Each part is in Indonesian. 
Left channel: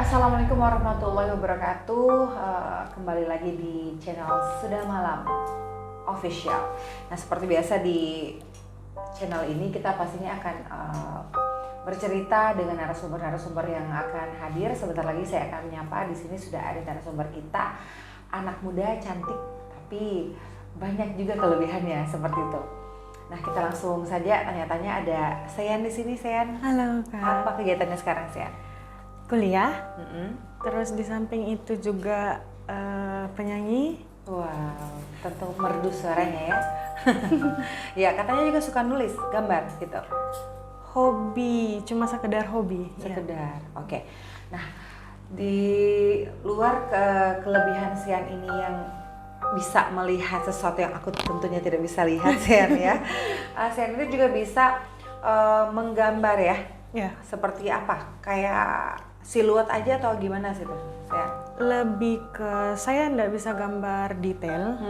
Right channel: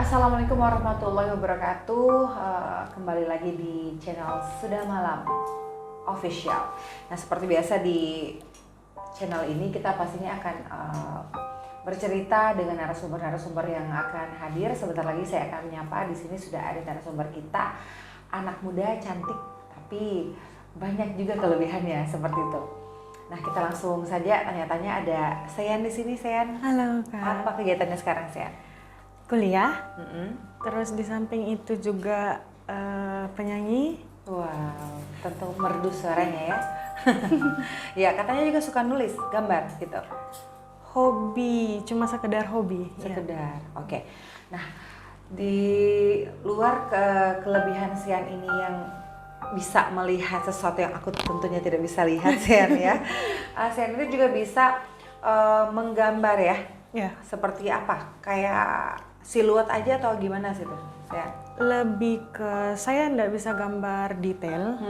Assalamualaikum warahmatullahi wabarakatuh. Kembali lagi di channel Sudah Malam Official. Nah, seperti biasa di channel ini kita pastinya akan bercerita dengan narasumber-narasumber yang akan hadir. Sebentar lagi saya akan menyapa. Di sini sudah ada narasumber kita, anak muda cantik tapi banyak juga kelebihannya seperti itu. Nah, kita langsung saja tanya-tanya. Ada Sean di sini. Sean, halo Kak. apa kegiatannya sekarang, Sean? Kuliah. Terus di samping itu juga penyanyi. Wow, tentu merdu suaranya ya. Ya, katanya juga suka nulis, gambar gitu. Hobi, cuma sekedar hobi. Sekedar, oke. Nah, di luar kelebihan Sean ini yang bisa melihat sesuatu yang aku tentunya tidak bisa lihat, Sean ya. Sean itu juga bisa menggambar ya. Ya. Seperti apa? Kayak siluet aja atau gimana sih tuh, Sean? Lebih ke saya nggak bisa gambar detail,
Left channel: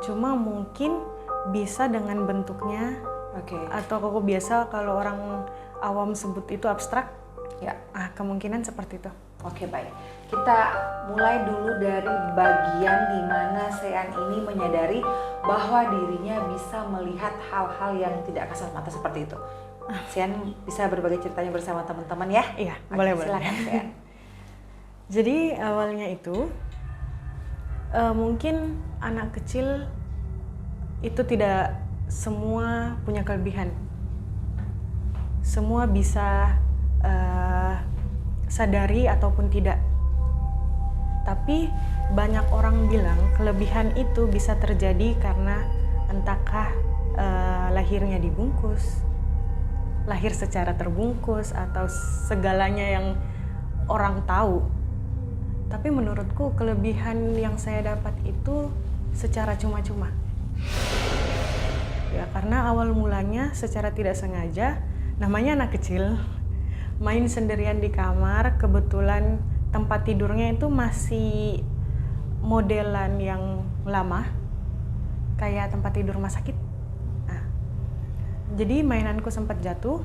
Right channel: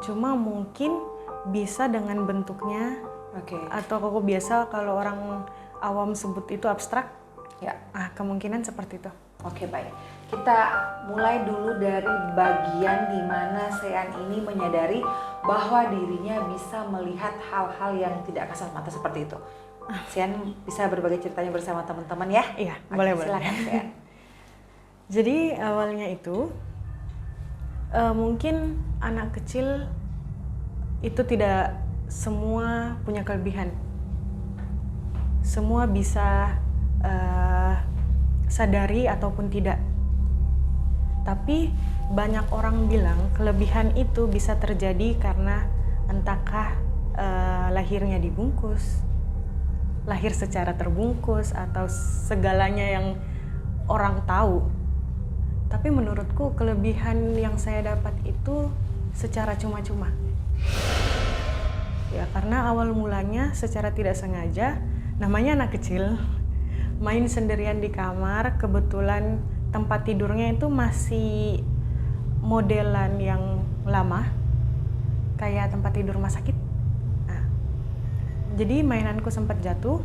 cuma mungkin bisa dengan bentuknya. Oke. Atau kok biasa kalau orang awam sebut itu abstrak. Ya. Kemungkinan seperti itu. Oke, baik. Kita mulai dulu dari bagian di mana Sean ini menyadari bahwa dirinya bisa melihat hal-hal yang tidak kasat mata seperti itu. Sean bisa berbagi ceritanya bersama teman-teman ya? Iya, Oke, boleh. Silakan, Sean. Jadi awalnya itu mungkin anak kecil itu tidak semua punya kelebihan. Semua bisa sadari ataupun tidak. Tapi banyak orang bilang kelebihan itu bisa terjadi karena entahkah lahirnya dibungkus, lahir secara terbungkus, atau segalanya yang orang tahu. Tapi menurutku kelebihan yang saya dapat itu secara cuma-cuma. Ya, karena awal mulanya secara tidak sengaja, namanya anak kecil, main sendirian di kamar, kebetulan tempat tidurnya itu masih modelan yang lama, kayak tempat tidur rumah sakit. Nah, jadi mainanku sempat jatuh,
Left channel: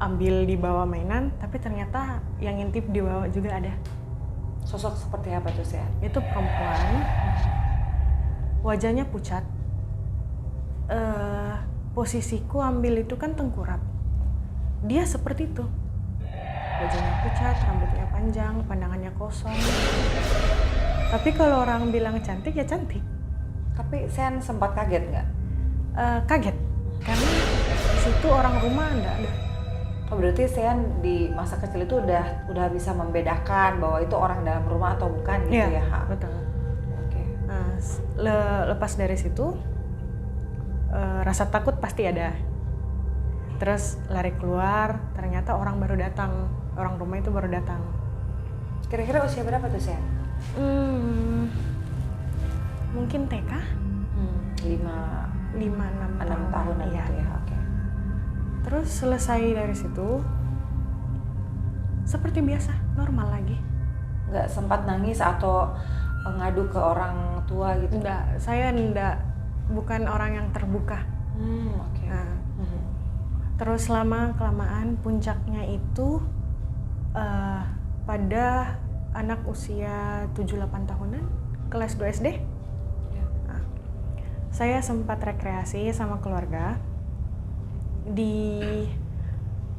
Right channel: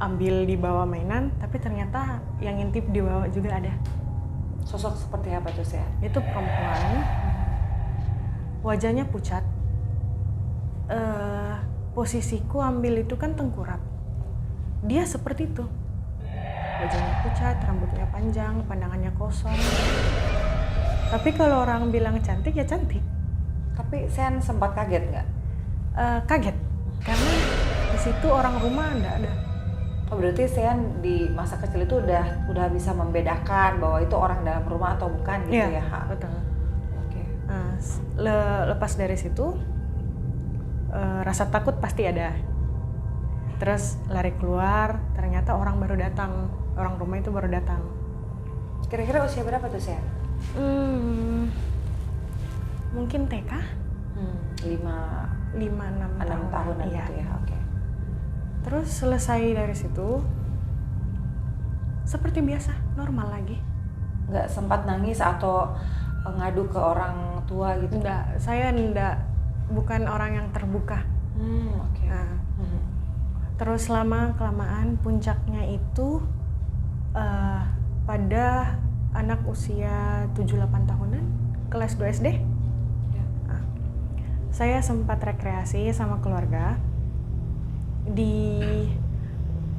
ambil di bawah mainan, tapi ternyata yang ngintip di bawah juga ada. Sosok seperti apa tuh, Sean? Itu perempuan, wajahnya pucat. Posisiku ambil itu kan tengkurap. Dia seperti itu. Wajahnya pucat, rambutnya panjang, pandangannya kosong. Tapi kalau orang bilang cantik ya cantik. Tapi Sean sempat kaget nggak? Kaget, karena di situ orang rumah nggak ada. Oh, berarti Sean di masa kecil itu udah bisa membedakan bahwa itu orang dalam rumah atau bukan gitu ya? Iya, betul. Oke. Nah, lepas dari situ, rasa takut pasti ada. Terus lari keluar, ternyata orang baru datang, orang rumah itu baru datang. Kira-kira usia berapa tuh, Sean? Mungkin TK? 5-6 6 tahunan iya. gitu ya, oke. Terus selesai dari situ, seperti biasa, normal lagi. Nggak sempat nangis atau ngadu ke orang tua gitu? Enggak, saya bukan orang yang terbuka. Oke. Nah, terus lama-kelamaan puncaknya itu pada anak usia 7-8 tahunan, kelas 2 SD. Ya. Nah, saya sempat rekreasi sama keluarga di,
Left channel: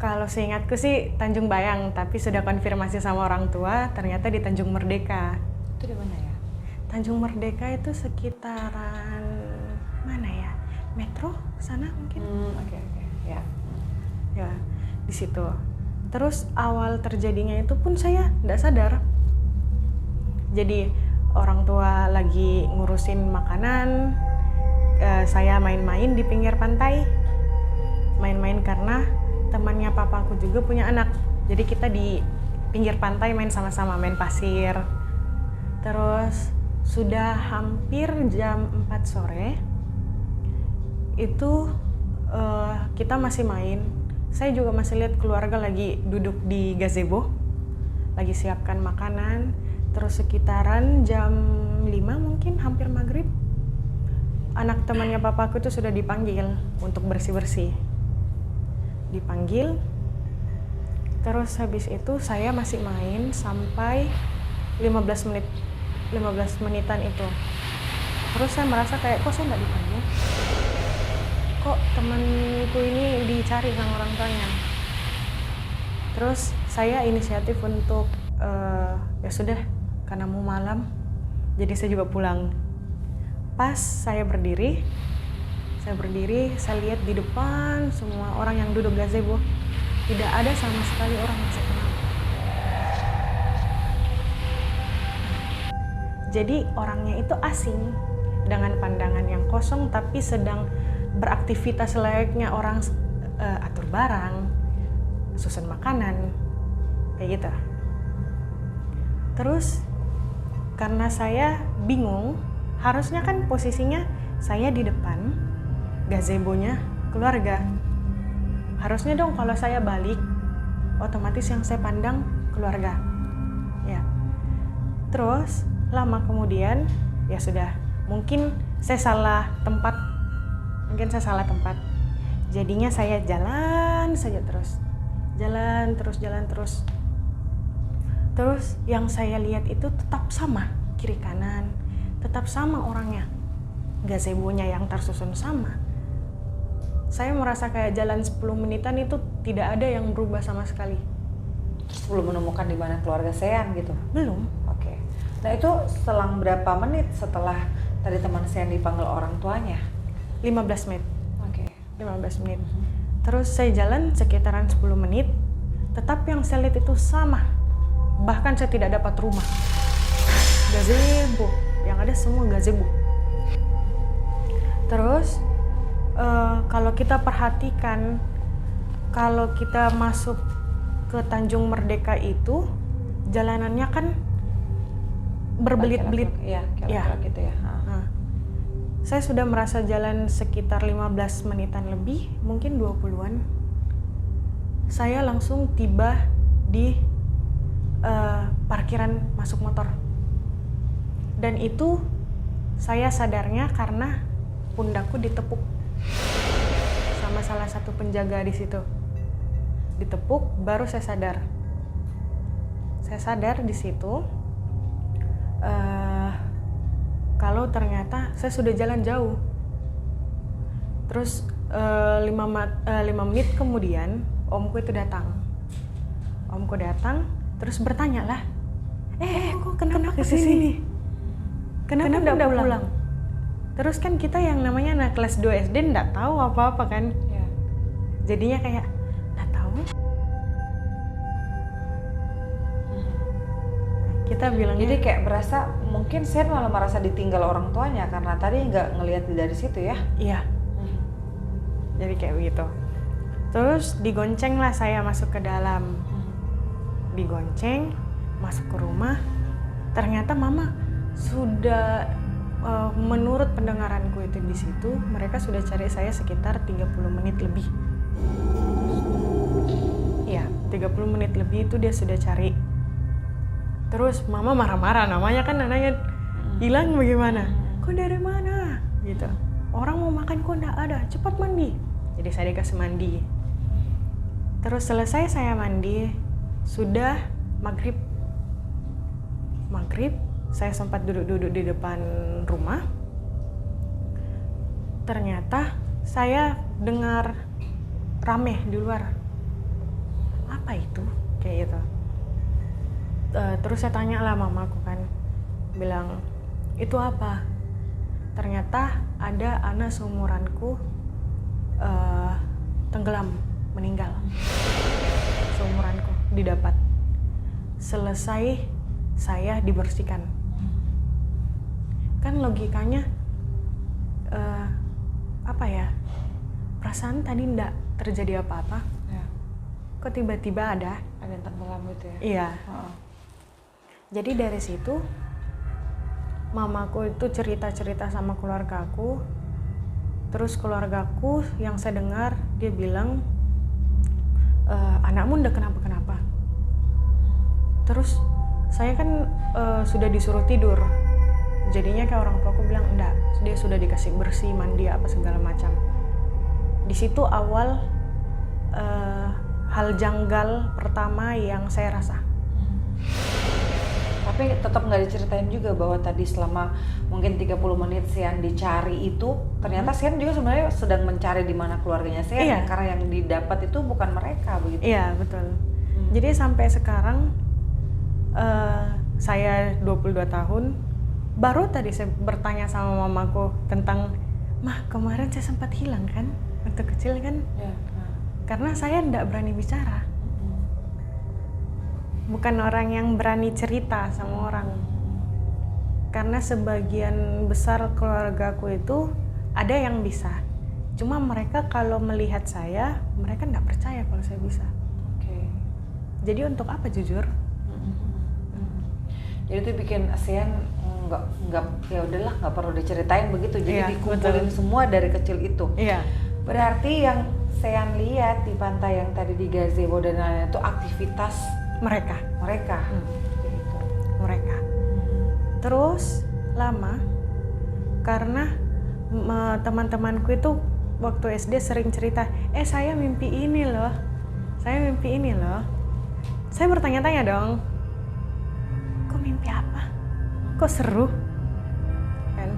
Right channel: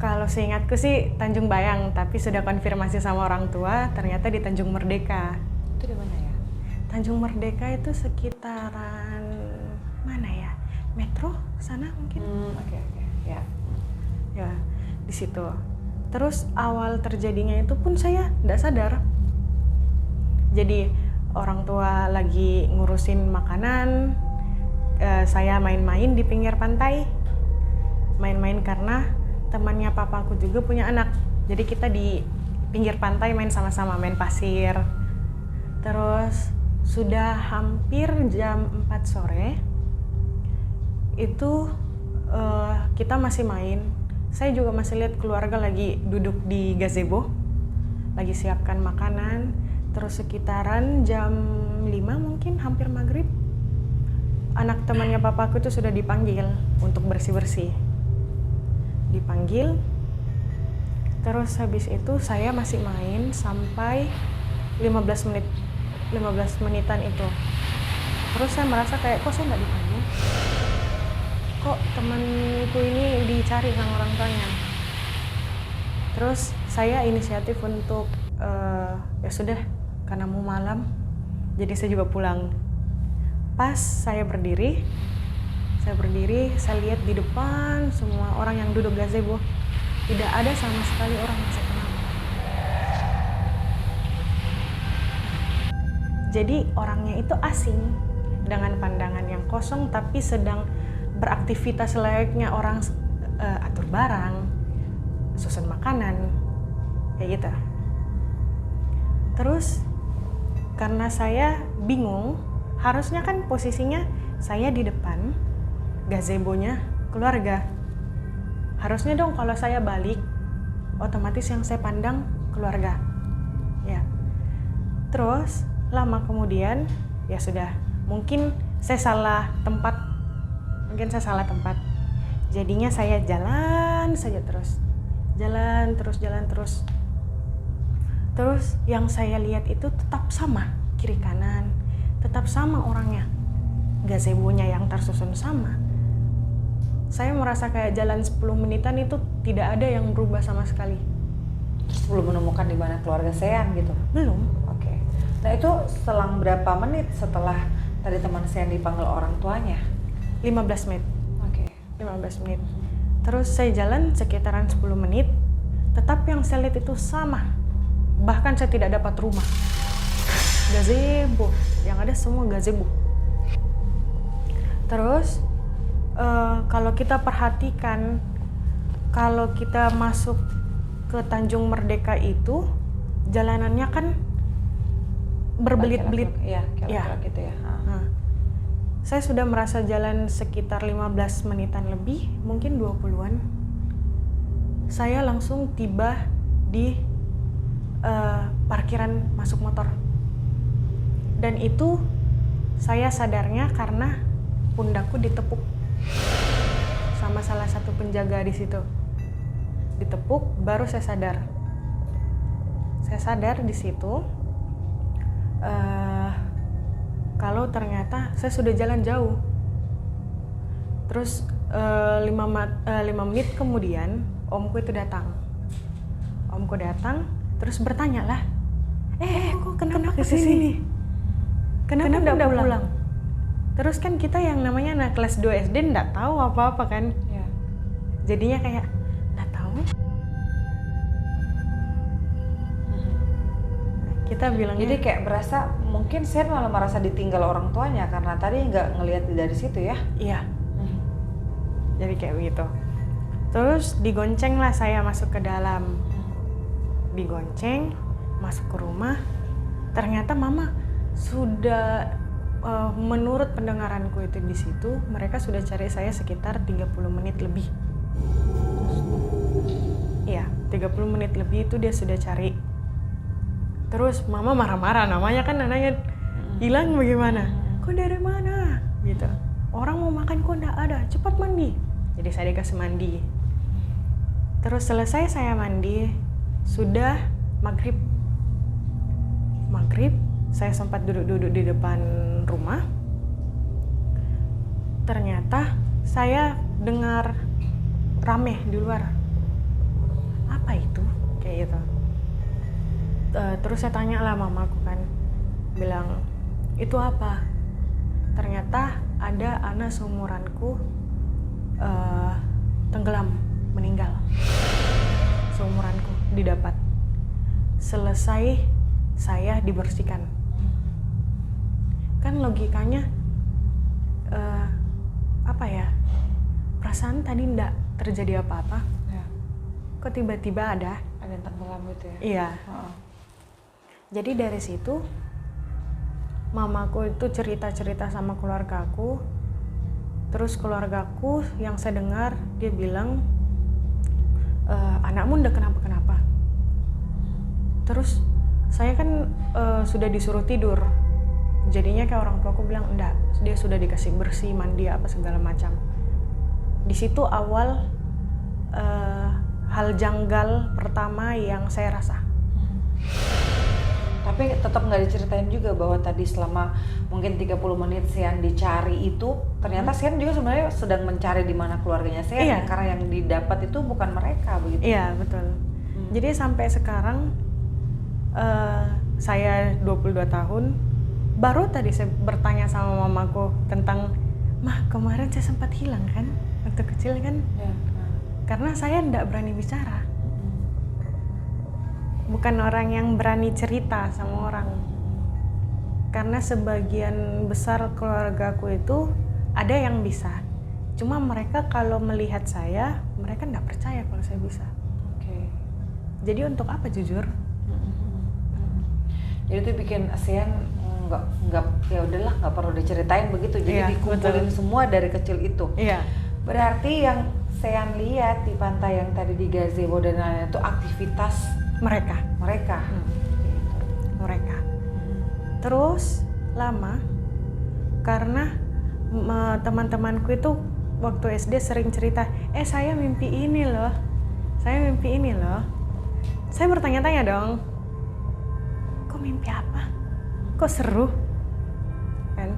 kalau seingatku sih Tanjung Bayang, tapi sudah konfirmasi sama orang tua, ternyata di Tanjung Merdeka. Itu di mana ya? Tanjung Merdeka itu sekitaran mana ya? Metro sana mungkin. Oke. Ya. Ya, di situ. Terus awal terjadinya itu pun saya tidak sadar. Jadi orang tua lagi ngurusin makanan, saya main-main di pinggir pantai. Main-main karena temannya papaku juga punya anak. Jadi kita di pinggir pantai main sama-sama, main pasir. Terus sudah hampir jam 4 sore, itu kita masih main. Saya juga masih lihat keluarga lagi duduk di gazebo, lagi siapkan makanan. Terus sekitaran jam 5 mungkin, hampir maghrib, anak temannya papaku itu sudah dipanggil untuk bersih-bersih. Dipanggil, Terus habis itu saya masih main sampai 15 menit, 15 menitan itu. Terus saya merasa kayak, kok saya nggak dipanggil? Kok temanku ini dicari sama orang tuanya? Terus saya inisiatif untuk, ya sudah, karena mau malam, jadi saya juga pulang. Pas saya berdiri, saya lihat di depan semua orang yang duduk gazebo. Tidak ada sama sekali orang yang saya kenal. Jadi orangnya itu asing, dengan pandangan yang kosong tapi sedang beraktivitas layaknya orang atur barang, susun makanan, kayak gitu. Terus karena saya bingung, harusnya kan posisinya saya di depan, gazebonya keluarga. Harusnya dong kalau saya balik, otomatis yang saya pandang keluarga. Ya. Terus lama kemudian, ya sudah, mungkin saya salah tempat. Jadinya saya jalan saja terus. Jalan terus. Terus yang saya lihat itu tetap sama, kiri kanan, tetap sama orangnya. Gazebonya yang tersusun sama. Saya merasa kayak jalan 10 menitan itu tidak ada yang berubah sama sekali. Terus belum menemukan di mana keluarga Sean gitu? Belum. Oke. Nah itu selang berapa menit setelah tadi teman Sean dipanggil orang tuanya? 15 menit. Oke. 15 menit. Terus saya jalan sekitaran 10 menit, tetap yang saya lihat itu sama. Bahkan saya tidak dapat rumah. Gazebo, yang ada semua gazebo. Terus kalau kita perhatikan, kalau kita masuk ke Tanjung Merdeka itu, jalanannya kan berbelit-belit. Iya, kira-kira gitu ya. Nah, saya sudah merasa jalan sekitar 15 menitan lebih, mungkin 20-an. Saya langsung tiba di parkiran masuk motor. Dan itu saya sadarnya karena pundakku ditepuk sama salah satu penjaga di situ. Ditepuk, baru saya sadar. Saya sadar di situ kalau ternyata saya sudah jalan jauh. Terus 5 menit kemudian omku itu datang. Omku datang terus bertanya lah, kok kenapa kesini? Kenapa udah pulang? Terus kan kita yang namanya anak kelas 2 SD nggak tahu apa-apa kan? Ya. Jadinya kayak nggak tahu. Kita bilangnya. Jadi kayak berasa mungkin Sean malah merasa ditinggal orang tuanya karena tadi nggak ngelihat dari situ ya? Iya. Jadi kayak begitu. Terus digonceng lah saya masuk ke dalam. Digonceng, masuk ke rumah. Ternyata mama sudah menurut pendengaranku itu di situ, mereka sudah cari saya sekitar 30 menit lebih. Iya, 30 menit lebih itu dia sudah cari. Terus mama marah-marah, namanya kan anaknya hilang bagaimana? Kok dari mana? Gitu. Orang mau makan kok enggak ada, cepat mandi. Jadi saya dikasih mandi. Terus selesai saya mandi, sudah maghrib. Saya sempat duduk-duduk di depan rumah. Ternyata saya dengar rame di luar. Apa itu? Kayak gitu. Terus saya tanya lah mamaku kan, bilang itu apa? Ternyata ada anak seumuranku tenggelam, meninggal. Seumuranku didapat. Selesai saya dibersihkan. Kan logikanya apa ya? Perasaan tadi enggak terjadi apa-apa. Ya. Kok tiba-tiba ada yang tenggelam gitu ya? Iya. Jadi dari situ mamaku itu cerita-cerita sama keluargaku. Terus keluargaku yang saya dengar dia bilang anakmu udah kenapa-kenapa. Terus saya kan sudah disuruh tidur. Jadinya kayak orang tuaku bilang enggak, dia sudah dikasih bersih, mandi apa segala macam. Di situ awal hal janggal pertama yang saya rasa. Tapi tetap nggak diceritain juga bahwa tadi selama mungkin 30 menit Sean dicari itu ternyata Sean juga sebenarnya sedang mencari di mana keluarganya Sean, Iya. karena yang didapat itu bukan mereka begitu. Iya, betul. Jadi sampai sekarang saya 22 tahun, baru tadi saya bertanya sama mamaku tentang, "Mah, kemarin saya sempat hilang kan? Waktu kecil kan?" Ya. Karena saya enggak berani bicara. Bukan orang yang berani cerita sama orang. Karena sebagian besar keluargaku itu ada yang bisa. Cuma mereka kalau melihat saya, mereka enggak percaya kalau saya bisa. Oke. Jadi untuk apa jujur? Jadi itu bikin Sean nggak ya udahlah nggak perlu diceritain begitu. Jadi Iya, dikumpulin betul. semua dari kecil itu. Iya. Berarti yang Sean lihat di pantai yang tadi di gazebo dan lain-lain itu aktivitas Mereka. mereka. Gitu. Mereka. Terus lama karena teman-temanku itu waktu SD sering cerita, saya mimpi ini loh. Saya mimpi ini loh. Saya bertanya-tanya dong. Kok mimpi apa? Kok seru? Kan?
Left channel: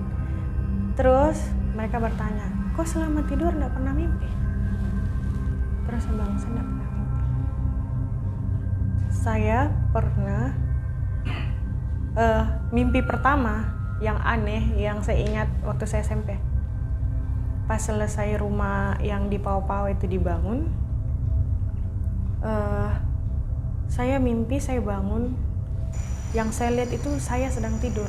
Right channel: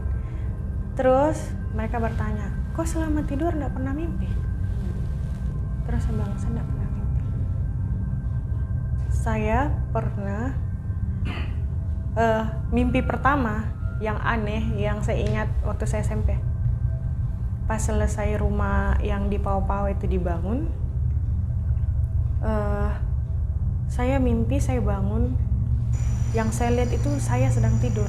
Terus mereka bertanya, kok selama tidur enggak pernah mimpi? Terus saya bilang, saya enggak pernah mimpi. Saya pernah mimpi pertama yang aneh yang saya ingat waktu saya SMP. Pas selesai rumah yang di Pau-Pau itu dibangun, saya mimpi saya bangun, yang saya lihat itu saya sedang tidur.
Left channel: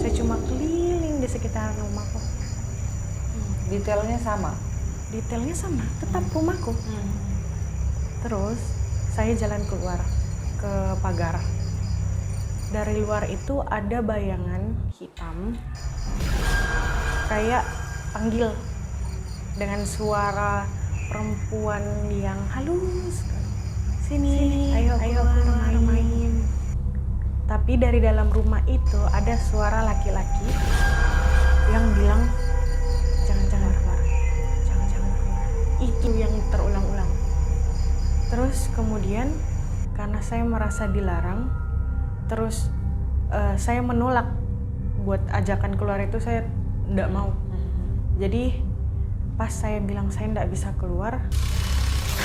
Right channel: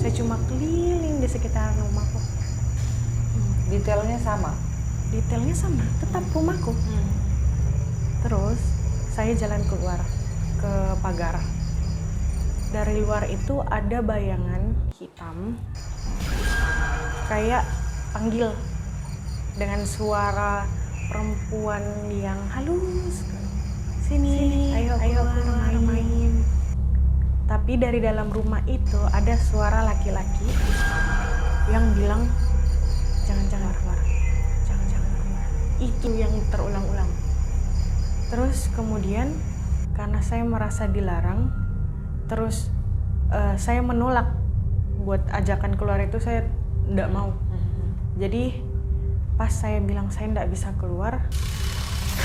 Saya cuma keliling di sekitar rumahku. Detailnya sama. Detailnya sama, tetap rumahku. Terus saya jalan keluar ke pagar. Dari luar itu ada bayangan hitam kayak panggil dengan suara perempuan yang halus. Sini, ayo keluar main. Tapi dari dalam rumah itu ada suara laki-laki yang bilang, jangan keluar, jangan keluar. Itu yang terulang-ulang. Terus kemudian karena saya merasa dilarang, terus saya menolak buat ajakan keluar itu, saya enggak mau. Jadi pas saya bilang saya enggak bisa keluar,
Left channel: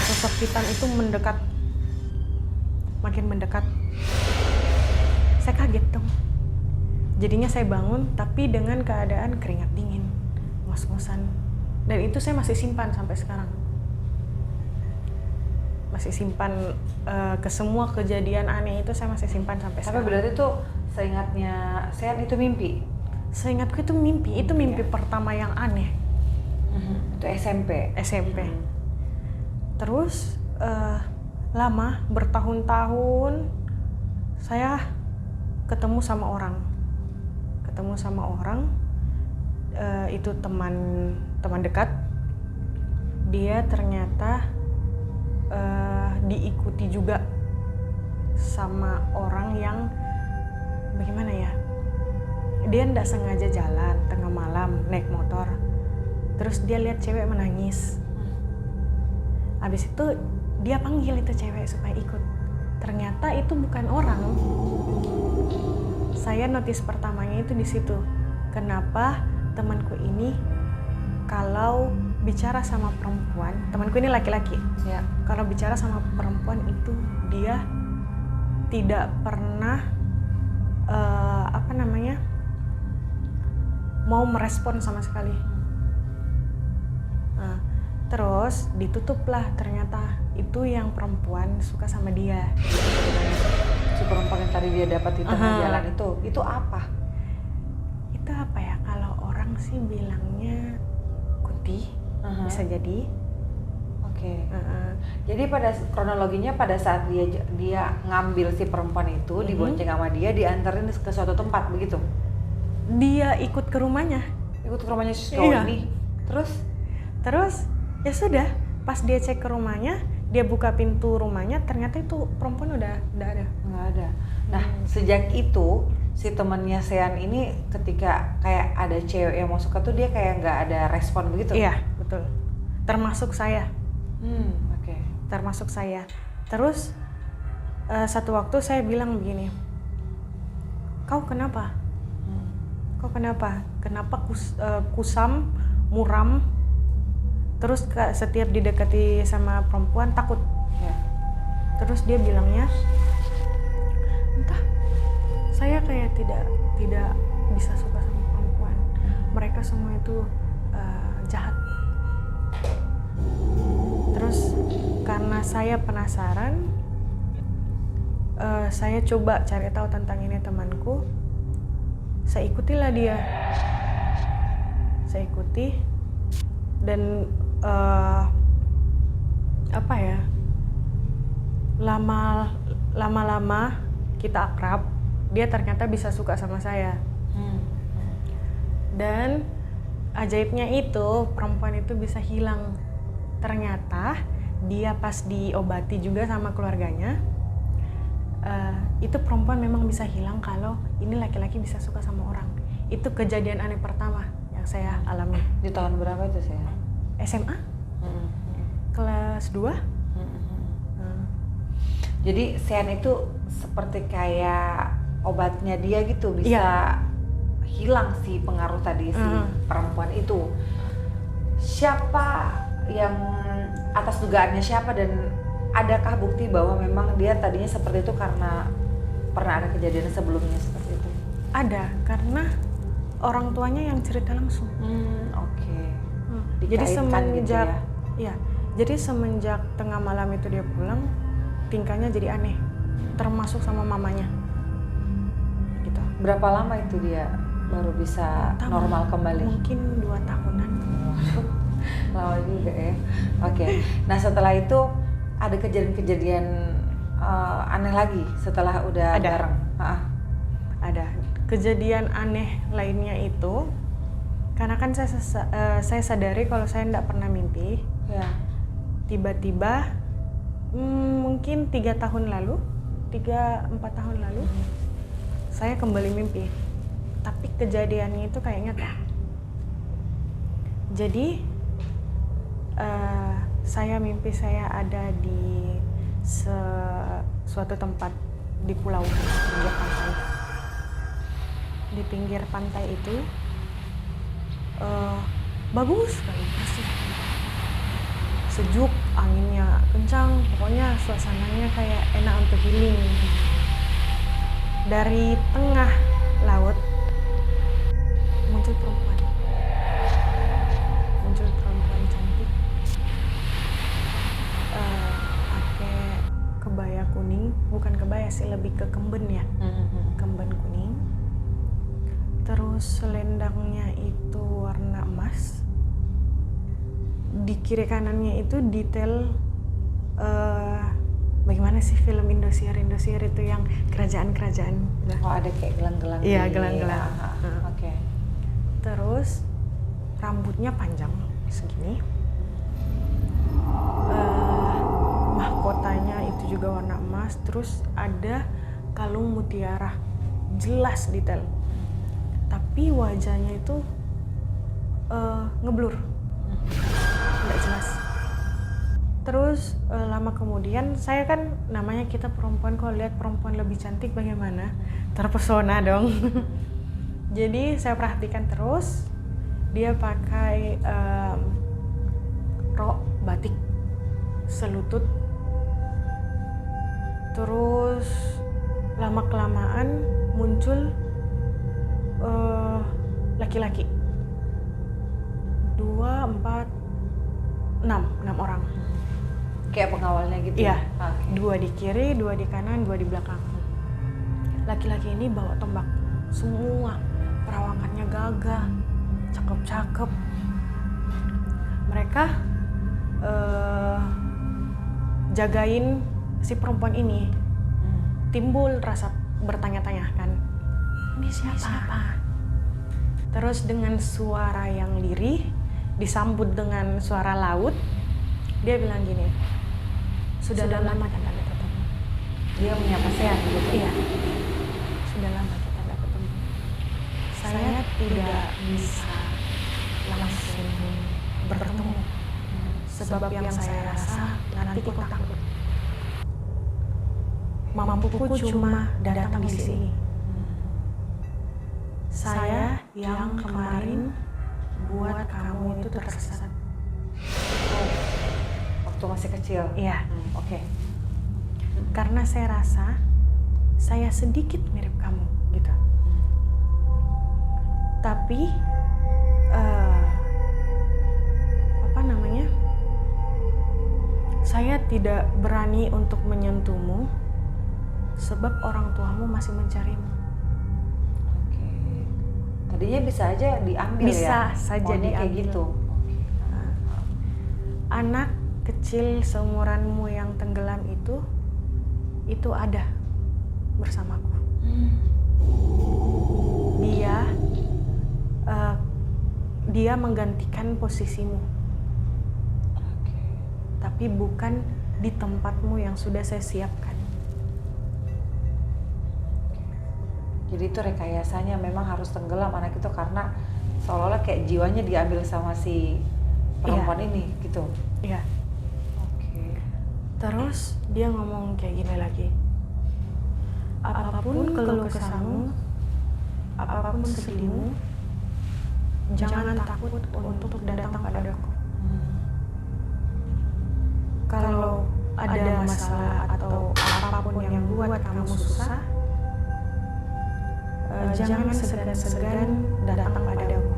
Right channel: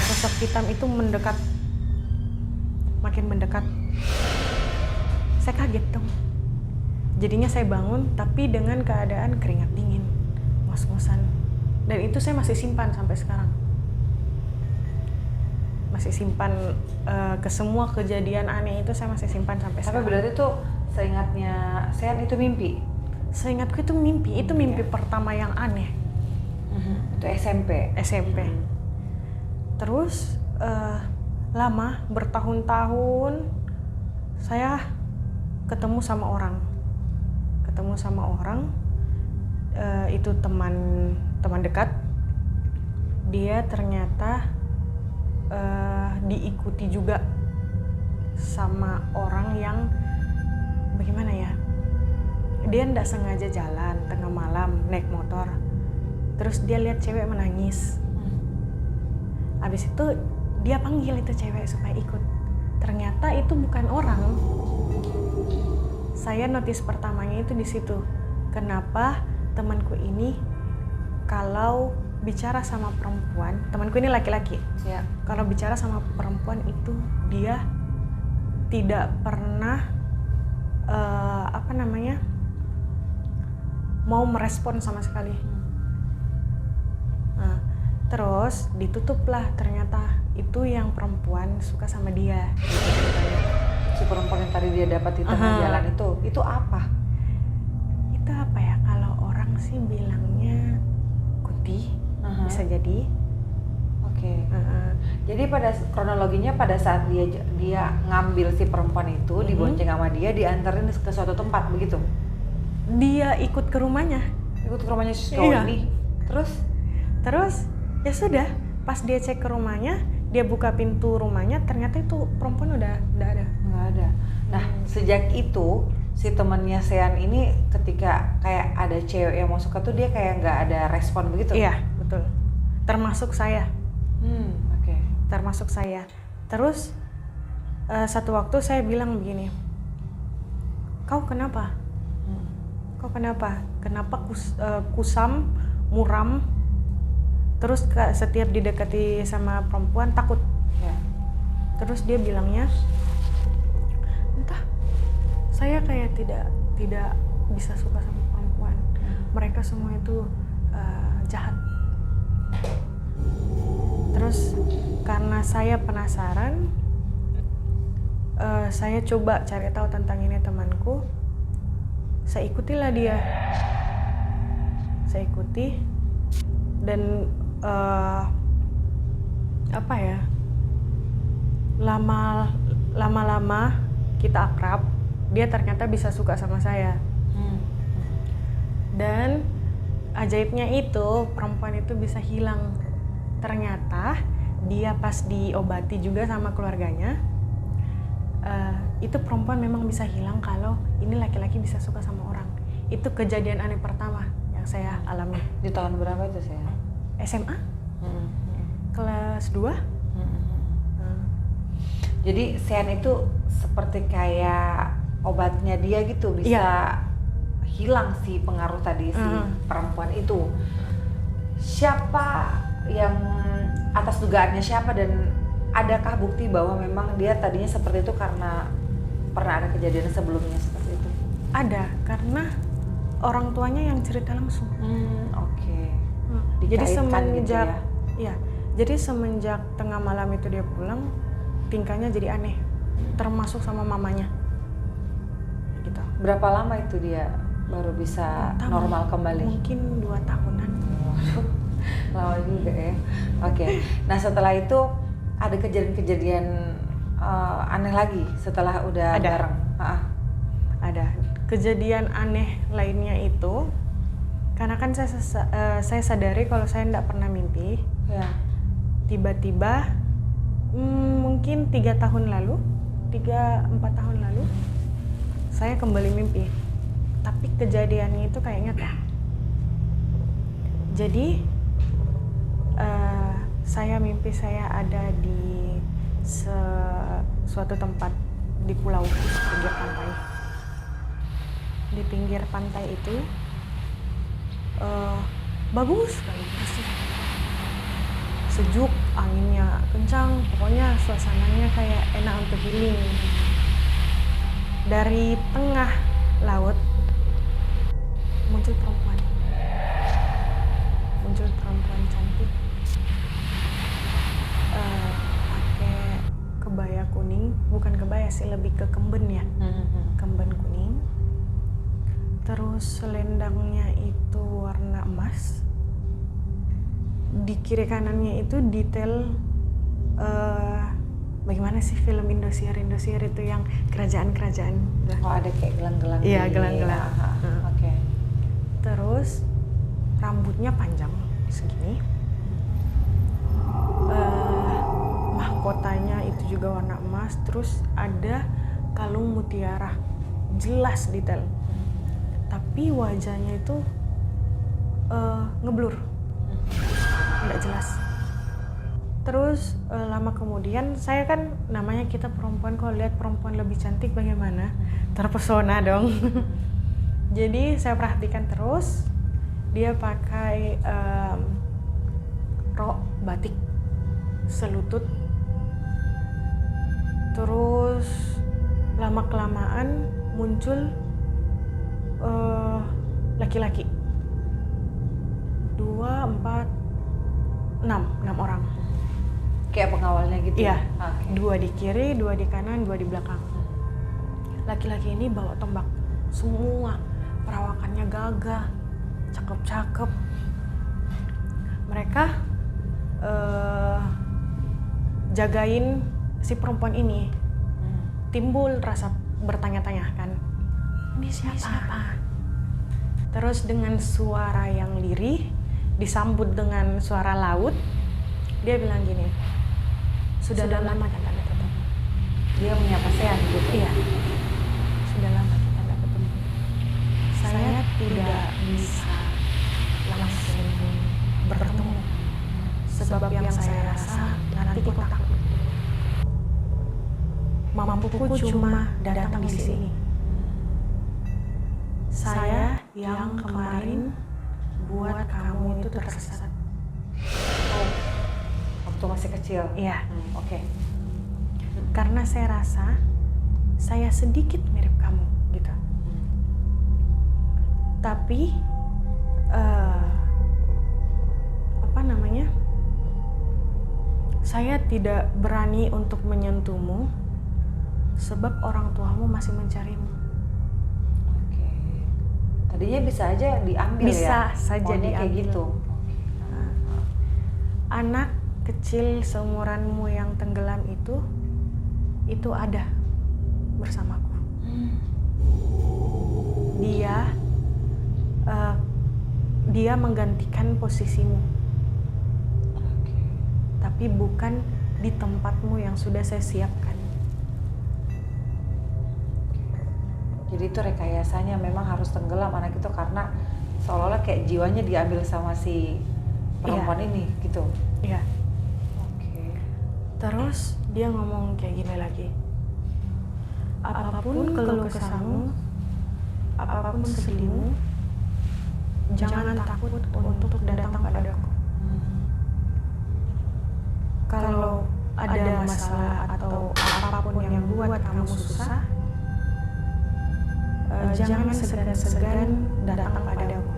sosok hitam itu mendekat, makin mendekat. Saya kaget dong. Jadinya saya bangun tapi dengan keadaan keringat dingin, ngos-ngosan. Dan itu saya masih simpan sampai sekarang. Masih simpan ke semua kejadian aneh itu, saya masih simpan sampai sekarang. Tapi berarti tuh seingatnya Sean itu mimpi? Seingatku itu mimpi. Itu mimpi pertama yang aneh. Itu SMP? SMP. Terus lama, bertahun-tahun saya ketemu sama orang. Itu teman dekat. Dia ternyata diikuti juga sama orang yang bagaimana ya, dia ndak sengaja jalan tengah malam naik motor, terus dia lihat cewek menangis. Abis itu dia panggil itu cewek supaya ikut. Ternyata itu bukan orang. Saya notice pertamanya itu di situ. Kenapa temanku ini kalau bicara sama perempuan, temanku ini laki-laki. Ya. Kalau bicara sama perempuan itu dia tidak pernah mau merespon sama sekali. Nah, terus ditutuplah, ternyata itu yang perempuan suka sama dia. Gitu ceritanya. Si perempuan yang tadi dia dapat di tengah jalan itu apa? Itu apa ya? Kalau orang sih bilangnya kunti, bisa jadi. Oke. Jadi pada kronologinya pada saat dia ngambil si perempuan itu, dibonceng sama dia, dianterin ke suatu tempat begitu. Dia ikut ke rumahnya. Ikut ke rumahnya si cowok ini. Terus ya sudah, pas dia cek ke rumahnya, dia buka pintu rumahnya, ternyata itu perempuan udah nggak ada. Nah, sejak itu si temannya Sean ini ketika kayak ada cewek yang mau suka tuh dia kayak nggak ada respon begitu? Iya, betul. Termasuk saya. termasuk saya. Terus satu waktu saya bilang begini, kau kenapa? Kau kenapa? Kenapa kusam, muram, terus setiap didekati sama perempuan takut? Ya. Terus dia bilangnya, entah, saya kayak tidak bisa suka sama perempuan. Mereka semua itu jahat. Terus karena saya penasaran, saya coba cari tahu tentang ini temanku. Saya ikutilah dia. Saya ikuti dan apa ya? Lama-lama kita akrab, dia ternyata bisa suka sama saya. Dan ajaibnya itu perempuan itu bisa hilang. Ternyata dia pas diobati juga sama keluarganya, itu perempuan memang bisa hilang kalau ini laki-laki bisa suka sama orang. Itu kejadian aneh pertama yang saya alami. Di tahun berapa itu saya? SMA? Kelas 2? Jadi sean itu seperti kayak obatnya dia gitu, bisa hilang si pengaruh tadi si perempuan itu. Siapa yang atas dugaannya siapa, dan adakah bukti bahwa memang dia tadinya seperti itu karena pernah ada kejadian sebelumnya seperti itu? Ada, karena orang tuanya yang cerita langsung. Oke. Jadi semenjak gitu ya? Jadi semenjak tengah malam itu dia pulang, tingkahnya jadi aneh, termasuk sama mamanya. Gitu. Berapa lama itu dia baru bisa normal kembali? Mungkin 2 tahunan. Lama juga ya. Oke. Nah setelah itu ada kejadian-kejadian aneh lagi setelah udah bareng? Ada. Kejadian aneh lainnya itu, karena kan saya sadari kalau saya tidak pernah mimpi. Ya. Tiba-tiba mungkin 3 tahun lalu, 3-4 tahun lalu, saya kembali mimpi. Tapi kejadiannya itu kayak nyata. Jadi saya mimpi saya ada di suatu tempat di pulau pinggir pantai. Di pinggir pantai itu bagus sekali, bersih, sejuk, anginnya kencang, pokoknya suasananya kayak enak untuk healing. Dari tengah laut muncul perempuan cantik, pakai kebaya kuning, bukan kebaya sih, lebih ke kemben ya, kemben kuning. Terus selendangnya itu warna emas. Di kiri kanannya itu detail bagaimana sih film Indosiar itu yang kerajaan-kerajaan. Oh ada kayak gelang-gelang. Iya, gelang-gelang. Oke. Terus rambutnya panjang segini. Mahkotanya itu juga warna emas. Terus ada kalung mutiara, jelas detail. Tapi wajahnya itu ngeblur, nggak jelas. Terus lama kemudian, saya kan namanya kita perempuan, kalau lihat perempuan lebih cantik bagaimana, terpesona dong. Jadi saya perhatikan terus, dia pakai rok batik selutut. Terus lama kelamaan muncul laki-laki 2, 4, 6 orang. Kayak pengawalnya gitu? Iya, Okay. 2 di kiri, 2 di kanan, 2 di belakang. Laki-laki ini bawa tombak, semua perawakannya gagah, cakep-cakep. Mereka jagain si perempuan ini. Timbul rasa bertanya-tanya kan, ini siapa? Terus dengan suara yang lirih, disambut dengan suara laut, dia bilang gini, sudah lama kita tidak ketemu. Dia menyapa sean gitu? Iya, sudah lama kita tidak ketemu. Saya tidak bisa langsung bertemu. Sebab yang saya rasa nanti kau takut. Mampuku cuma datang di sini. Saya yang kemarin buat kamu itu tersesat. Oh, waktu masih kecil. Iya. Oke. Karena saya rasa saya sedikit mirip kamu gitu. Tapi saya tidak berani untuk menyentuhmu sebab orang tuamu masih mencarimu. Oke. Tadinya bisa aja diambil Bisa ya? saja Maunya kayak diambil. gitu. Anak kecil seumuranmu yang tenggelam itu ada bersamaku. Dia menggantikan posisimu, Oke. tapi bukan di tempatmu yang sudah saya siapkan. Jadi itu rekayasanya memang harus tenggelam anak itu karena seolah-olah kayak jiwanya diambil sama si perempuan ini gitu. Iya. Oke. Terus dia ngomong kayak gini lagi. Apapun keluh kesahmu, apapun sedihmu, jangan takut untuk datang padaku. Kalau ada masalah atau apapun yang buat kamu susah, jangan segan-segan datang padaku.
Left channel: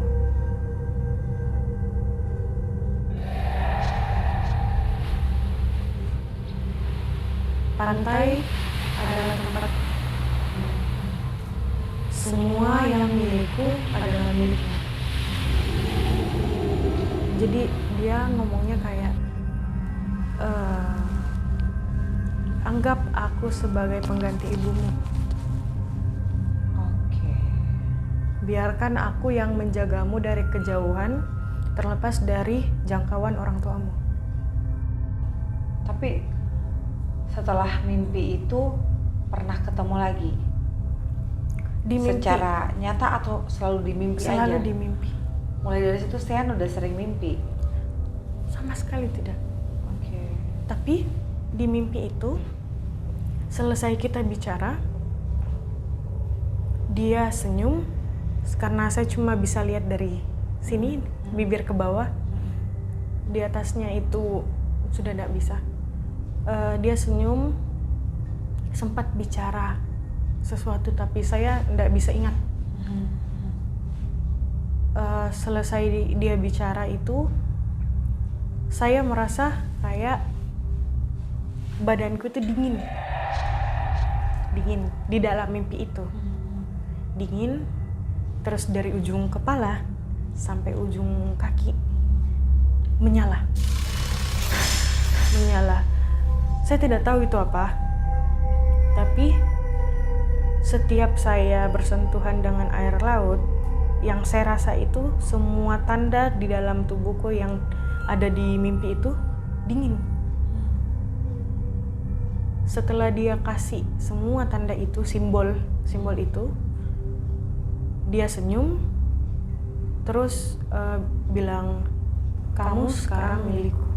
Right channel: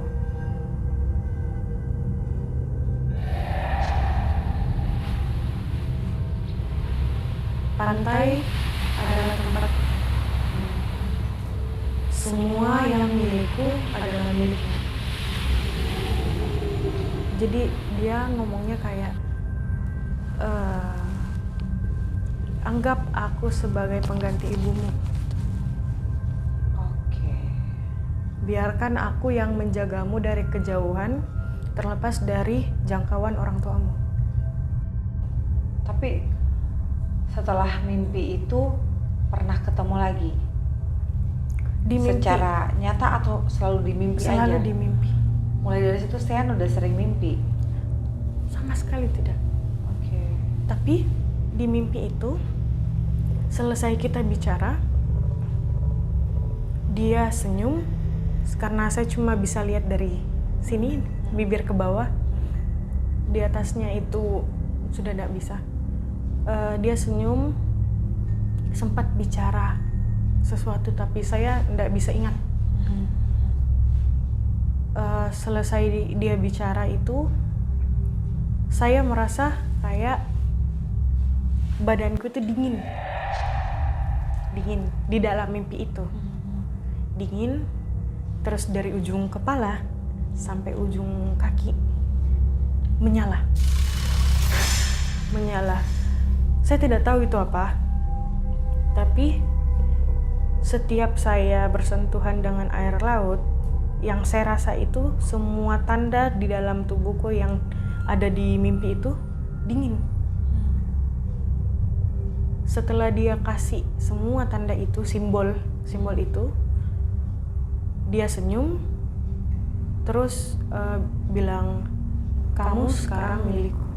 Pantai adalah tempat semua yang milikku adalah milikmu. Jadi dia ngomongnya kayak anggap aku sebagai pengganti ibumu. Oke. Biarkan aku yang menjagamu dari kejauhan, terlepas dari jangkauan orang tuamu. Tapi setelah mimpi itu pernah ketemu lagi? Di mimpi. Secara nyata atau selalu di mimpi aja? Selalu di mimpi. Mulai dari situ Sean udah sering mimpi? Sama sekali tidak. Oke. Tapi di mimpi itu, selesai kita bicara, dia senyum karena saya cuma bisa lihat dari sini, bibir ke bawah. Di atasnya itu sudah tidak bisa. Dia senyum, sempat bicara sesuatu tapi saya tidak bisa ingat. Selesai dia bicara itu, saya merasa kayak badanku itu dingin di dalam mimpi itu. Dingin, terus dari ujung kepala sampai ujung kaki menyala. Saya tidak tahu itu apa, tapi setiap saya bersentuhan dengan air laut, yang saya rasa itu semua tanda di dalam tubuhku yang ada di mimpi itu dingin. Setelah dia kasih semua tanda itu, simbol itu, dia senyum, terus bilang, kamu sekarang milikku.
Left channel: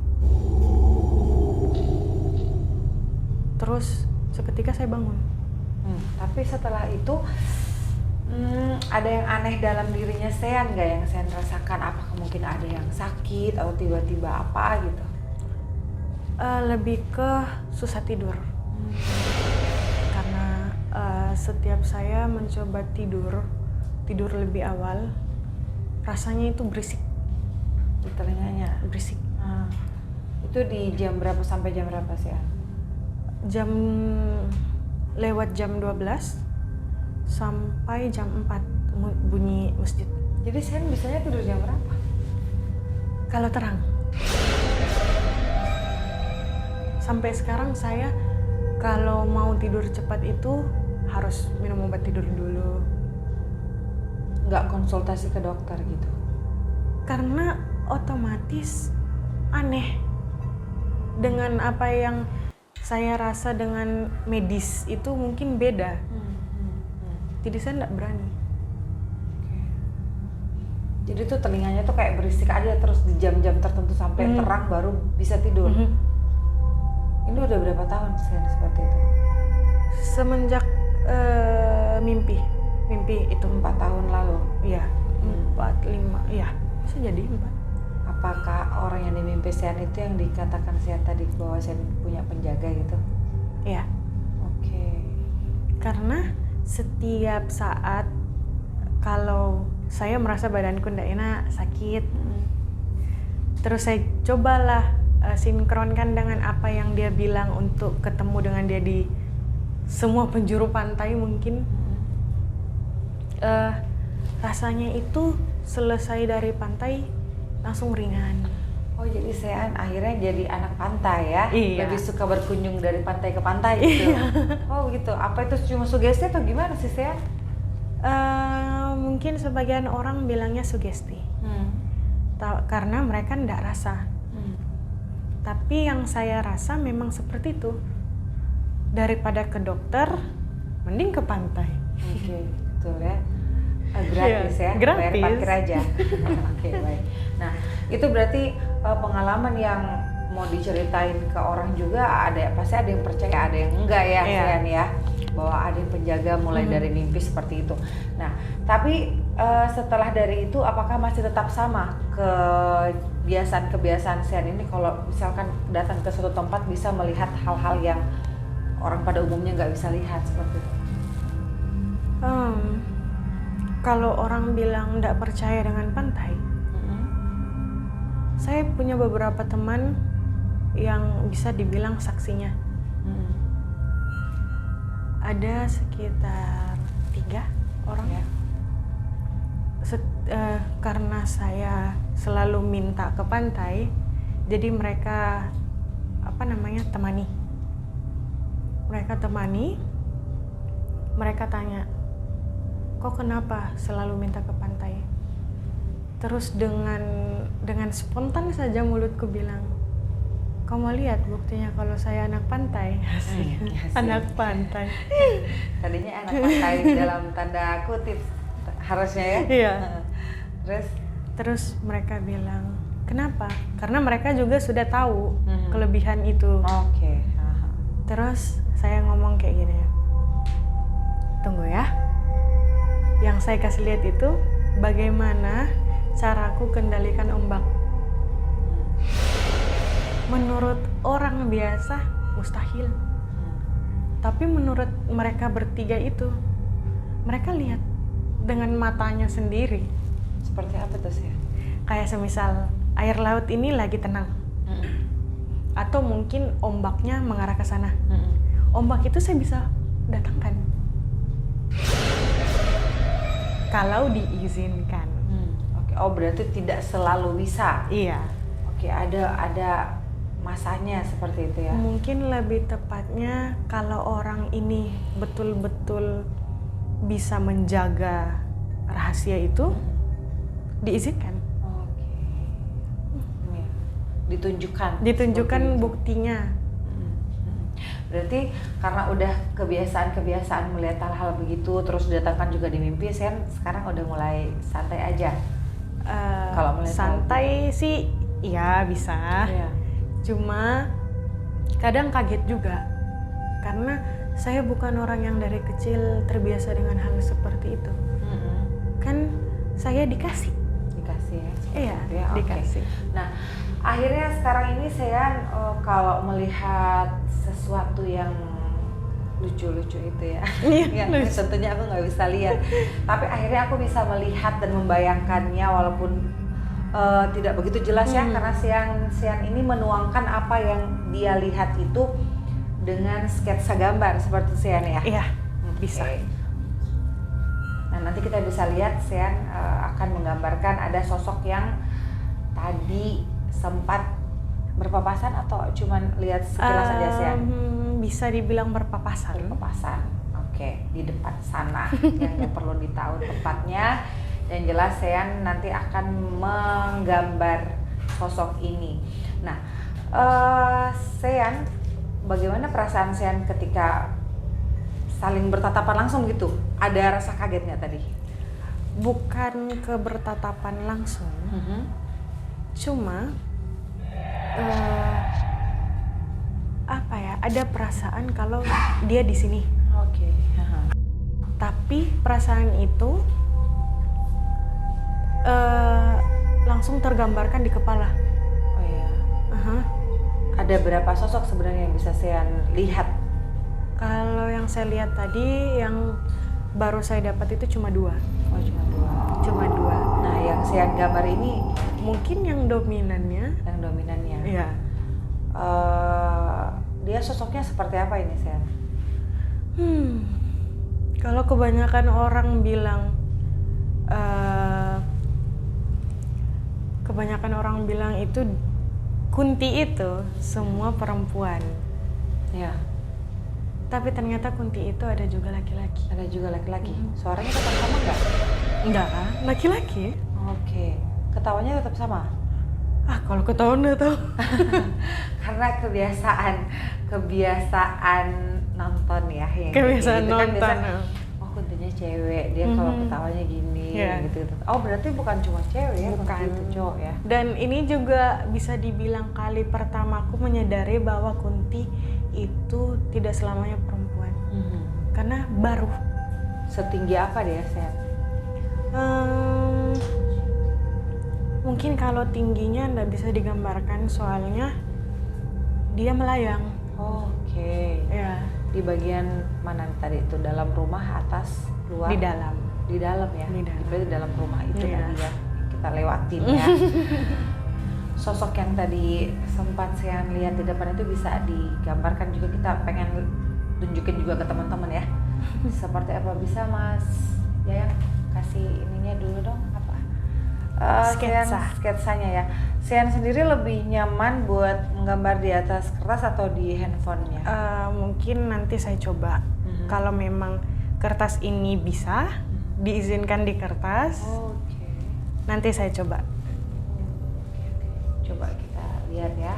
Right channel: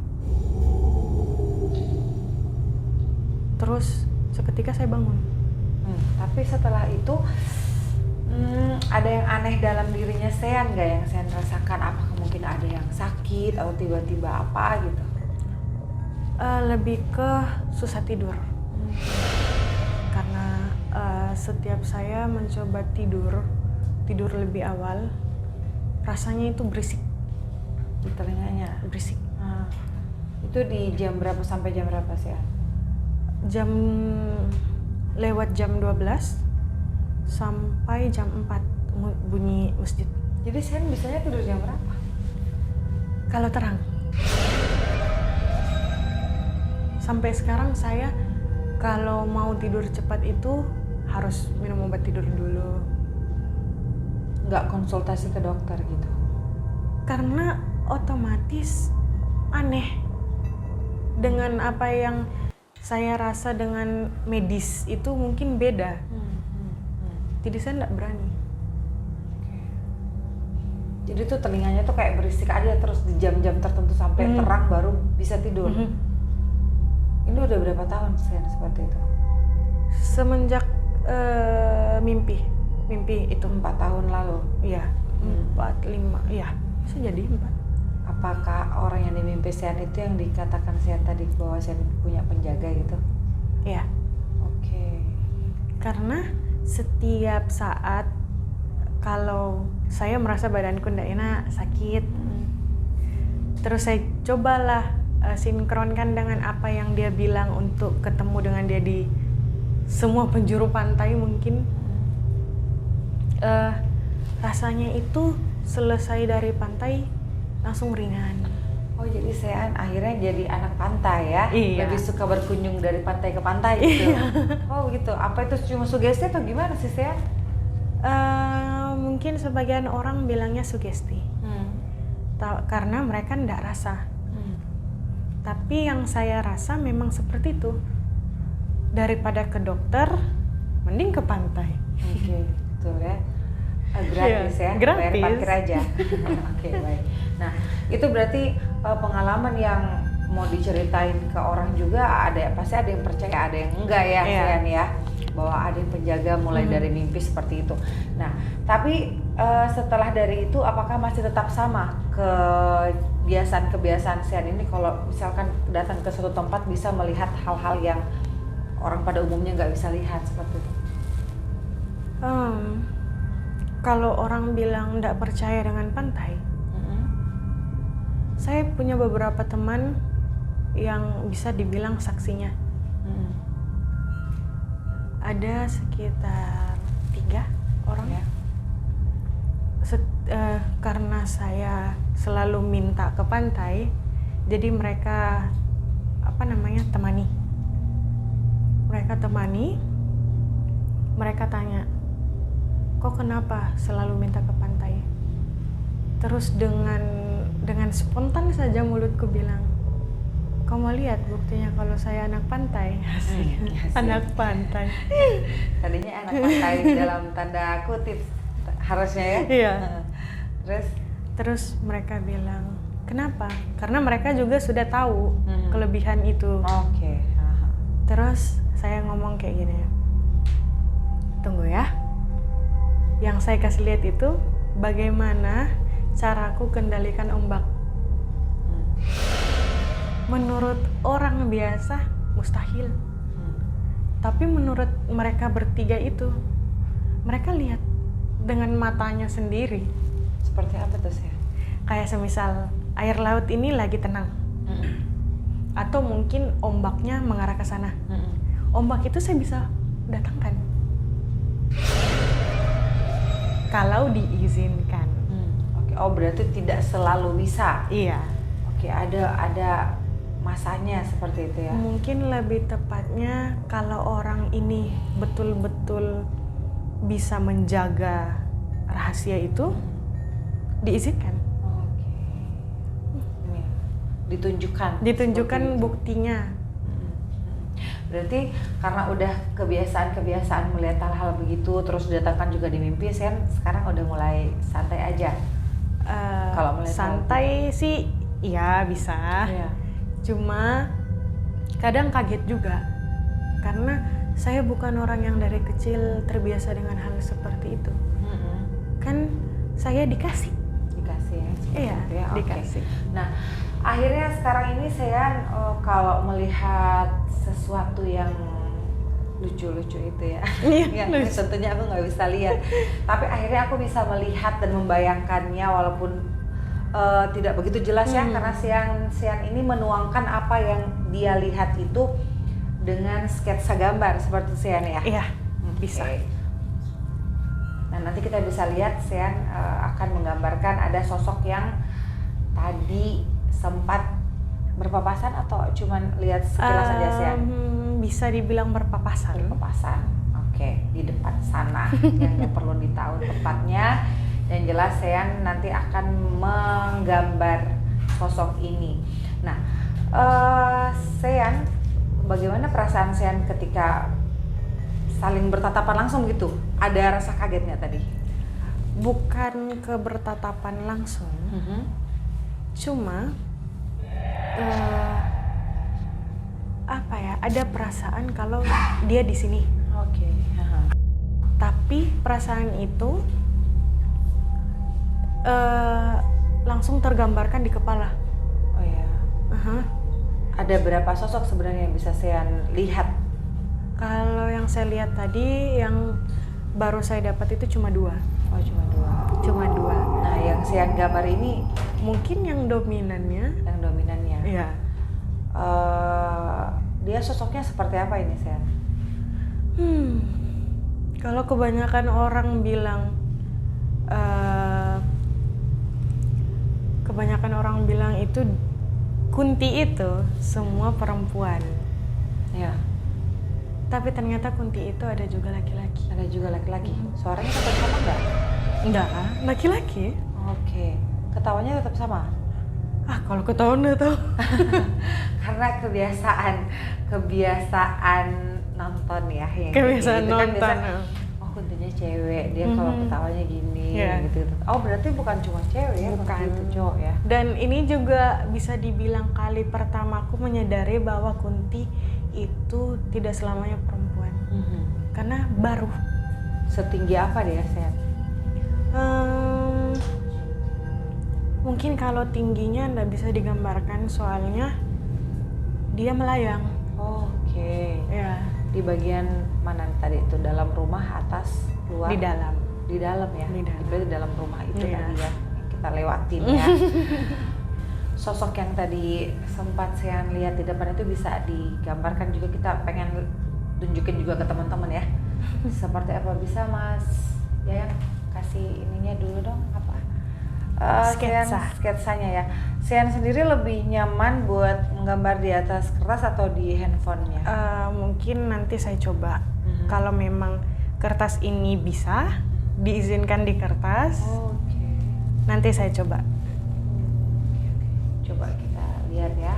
Terus seketika saya bangun. Tapi setelah itu ada yang aneh dalam dirinya Sean nggak yang Sean rasakan? Apakah mungkin ada yang sakit atau tiba-tiba apa gitu? Lebih ke susah tidur. Karena setiap saya mencoba tidur lebih awal, rasanya itu berisik Di telinganya? berisik. Itu di jam berapa sampai jam berapa Sean? Lewat jam 12 sampai jam 4 bunyi masjid. Jadi Sean bisanya tidur jam berapa? Kalau terang. Sampai sekarang saya kalau mau tidur cepat itu harus minum obat tidur dulu. Nggak konsultasi ke dokter gitu? Karena otomatis aneh dengan apa yang saya rasa dengan medis itu mungkin beda. Jadi saya nggak berani. Jadi tuh telinganya tuh kayak berisik aja terus di jam-jam tertentu sampai terang baru bisa tidur. Ini udah berapa tahun Sian seperti itu? Semenjak mimpi itu 4 tahun lalu. iya 4, 5, iya bisa jadi 4. Apakah orang yang dimimpi Sian itu yang dikatakan Sian tadi bahwa Sian punya penjaga gitu? Iya, Oke. karena setiap saat kalau saya merasa badanku ndak enak, sakit, terus saya cobalah sinkronkan dengan apa yang dia bilang untuk ketemu dengan dia di semua penjuru pantai mungkin. Rasanya itu selesai dari pantai langsung ringan. Oh jadi Sian akhirnya jadi anak pantai ya? Iya. Lebih suka berkunjung dari pantai ke pantai gitu? Oh gitu, apa itu cuma sugesti atau gimana sih Sian? Mungkin sebagian orang bilangnya sugesti, karena mereka ndak rasa. Tapi yang saya rasa memang seperti itu. Daripada ke dokter, mending ke pantai. Oke, betul ya. Gratis ya, gratis. bayar parkir aja. Oke, baik. Nah, itu berarti pengalaman yang mau diceritain ke orang juga pasti ada yang percaya, ada yang enggak ya, Sian ya. Bahwa ada yang penjaga mulai dari mimpi seperti itu. Nah, tapi setelah dari itu apakah masih tetap sama kebiasaan-kebiasaan Sian ini kalau misalkan datang ke suatu tempat bisa melihat hal-hal yang orang pada umumnya nggak bisa lihat seperti itu? Kalau orang bilang nggak percaya dengan pantai, saya punya beberapa teman yang bisa dibilang saksinya. Ada sekitar 3 orang ya. Karena saya selalu minta ke pantai, jadi mereka temani. Mereka tanya, kok kenapa selalu minta ke pantai? Terus dengan spontan saja mulutku bilang, kau mau lihat buktinya kalau saya anak pantai? Anak pantai. Tadinya anak pantai dalam tanda kutip harusnya ya. Iya. Terus mereka bilang, kenapa? Karena mereka juga sudah tahu kelebihan itu. Oke. Terus saya ngomong kayak gini, tunggu ya. Yang saya kasih lihat itu bagaimana caraku kendalikan ombak. Menurut orang biasa mustahil. Tapi menurut mereka bertiga itu, mereka lihat dengan matanya sendiri. Seperti apa tuh Sian? Kayak semisal air laut ini lagi tenang. Atau mungkin ombaknya mengarah ke sana. Ombak itu saya bisa datangkan. Kalau diizinkan. Oke. Oh berarti tidak selalu bisa. Iya. Oke, ada masanya seperti itu ya. Mungkin lebih tepatnya kalau orang ini betul-betul bisa menjaga rahasia itu, diizinkan. Oke. Ditunjukkan buktinya. Berarti karena udah kebiasaan melihat hal-hal begitu terus didatangkan juga di mimpi, Sian sekarang udah mulai santai aja. Kalau melihat santai sih iya bisa. Iya. Cuma kadang kaget juga karena saya bukan orang yang dari kecil terbiasa dengan hal seperti itu. Kan saya dikasih ya. Iya, itu ya. dikasih. Nah, akhirnya sekarang ini Sian kalau melihat sesuatu yang lucu-lucu itu ya, yang tentunya aku nggak bisa lihat, tapi akhirnya aku bisa melihat dan membayangkannya walaupun tidak begitu jelas ya, karena Sian ini menuangkan apa yang dia lihat itu dengan sketsa gambar seperti Sian ya. Iya, bisa. Nah nanti kita bisa lihat Sian akan menggambarkan ada sosok yang tadi sempat berpapasan atau cuman lihat sekilas saja Sian? Bisa dibilang berpapasan. Oke, di depan sana yang nggak perlu ditahu tempatnya. Yang jelas Sian nanti akan menggambar sosok ini. Nah, Sian, bagaimana perasaan Sian ketika saling bertatapan langsung gitu? Ada rasa kaget nggak tadi? bukan ke bertatapan langsung, cuma apa ya, ada perasaan kalau dia di sini. Oke. Tapi perasaan itu langsung tergambarkan di kepala. Oh ya. Ada berapa sosok sebenarnya yang bisa saya lihat? Kalau yang saya lihat tadi, yang baru saya dapat itu cuma 2. Oh, cuma 2. Cuma 2. Nah, yang saya gambar ini Mungkin yang dominannya. yang dominannya. Iya. Dia sosoknya seperti apa ini, Sen? Kalau kebanyakan orang bilang, itu Kunti itu semua perempuan. Ya. Tapi ternyata Kunti itu ada juga laki-laki. Ada juga laki-laki. Suaranya tetap sama nggak? Enggak, laki-laki. Oke. Ketawanya tetap sama? Kalau ketahuan udah tahu. Karena kebiasaan nonton ya, yang Kebiasaan gitu kan nonton. biasa, oh Kuntinya cewek, dia kalau ketawanya gini, Yeah. gitu. Oh berarti bukan cuma cewek ya, Bukan. itu cowok ya? Dan ini juga bisa dibilang kali pertama aku menyadari bahwa Kunti itu tidak selamanya perempuan. Karena baru. Setinggi apa dia, Sen? Mungkin kalau tingginya nggak bisa digambarkan, soalnya dia melayang. Oke. Ya, Di bagian mana tadi itu? Dalam rumah, atas, luar? di dalam. Di dalam ya? Di dalam. Berarti dalam rumah itu Iya. tadi ya, yang kita lewatin ya. Sosok yang tadi sempat saya lihat di depan itu bisa digambarkan juga, kita pengen tunjukin juga ke teman-teman ya. Seperti apa, bisa Mas Yayang kasih ininya dulu dong, apa? Sketsanya ya. Sian sendiri lebih nyaman buat menggambar di atas kertas atau di handphonenya? Mungkin nanti saya coba. Kalau memang kertas ini bisa diizinkan di kertas, Oke. nanti saya coba. Coba kita lihat ya.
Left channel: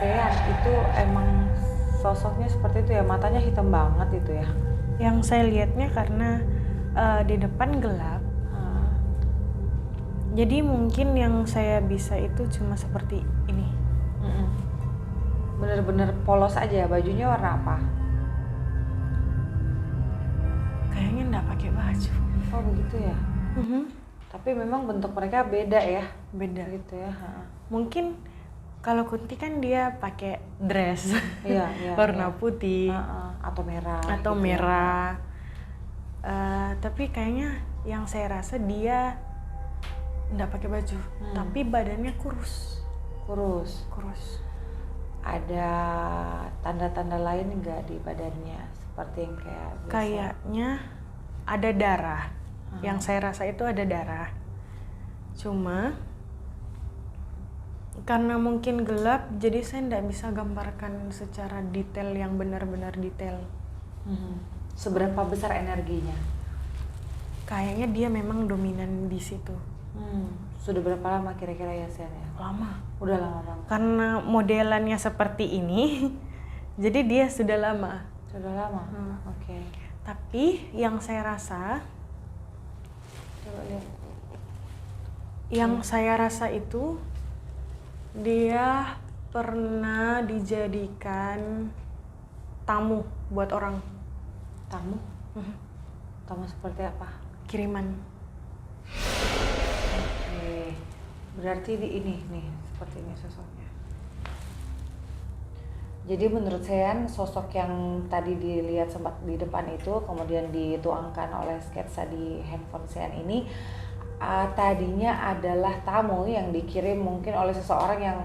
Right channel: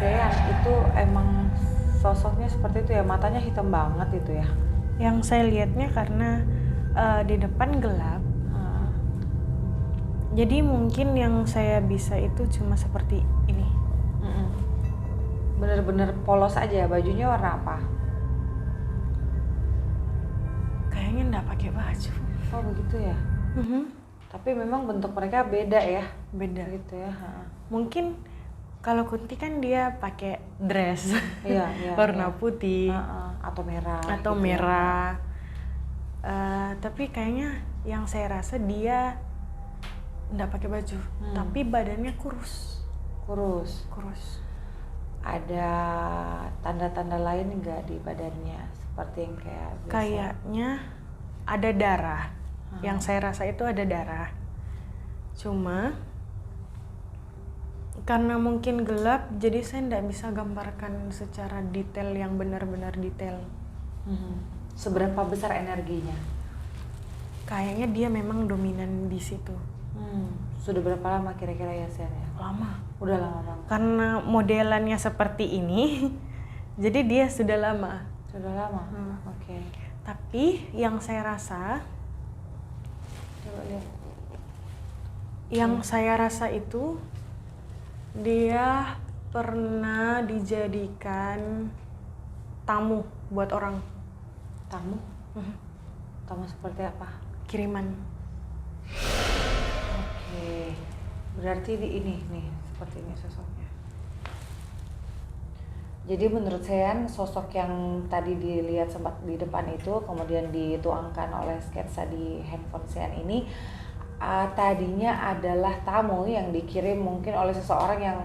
Sean itu emang sosoknya seperti itu ya, matanya hitam banget itu ya. Yang saya lihatnya karena di depan gelap, jadi mungkin yang saya bisa itu cuma seperti ini. Bener-bener polos aja. Bajunya warna apa? Kayaknya nggak pakai baju. Oh begitu ya. Tapi memang bentuk mereka beda ya. Beda. Gitu ya. Mungkin kalau Kunti kan dia pakai dress Iya, warna iya. putih Atau merah. atau gitu ya. merah. Tapi kayaknya yang saya rasa dia nggak pakai baju, tapi badannya kurus. Kurus. Ada tanda-tanda lain nggak di badannya seperti yang kayak biasa? Kayaknya ada darah. Yang saya rasa itu ada darah. Cuma karena mungkin gelap, jadi saya nggak bisa gambarkan secara detail yang benar-benar detail. Seberapa besar energinya? Kayaknya dia memang dominan di situ. Sudah berapa lama kira-kira ya Sen ya? Lama. Udah lama banget. Karena modelannya seperti ini, jadi dia sudah lama. Sudah lama. Oke. Tapi yang saya rasa, Coba lihat. yang saya rasa itu dia pernah dijadikan tamu buat orang. Tamu? Tamu seperti apa? Kiriman. Oke. Berarti di ini nih, seperti ini sosoknya. Jadi menurut Sean, sosok yang tadi dilihat sempat di depan itu, kemudian dituangkan oleh sketsa di handphone Sean ini, tadinya adalah tamu yang dikirim mungkin oleh seseorang yang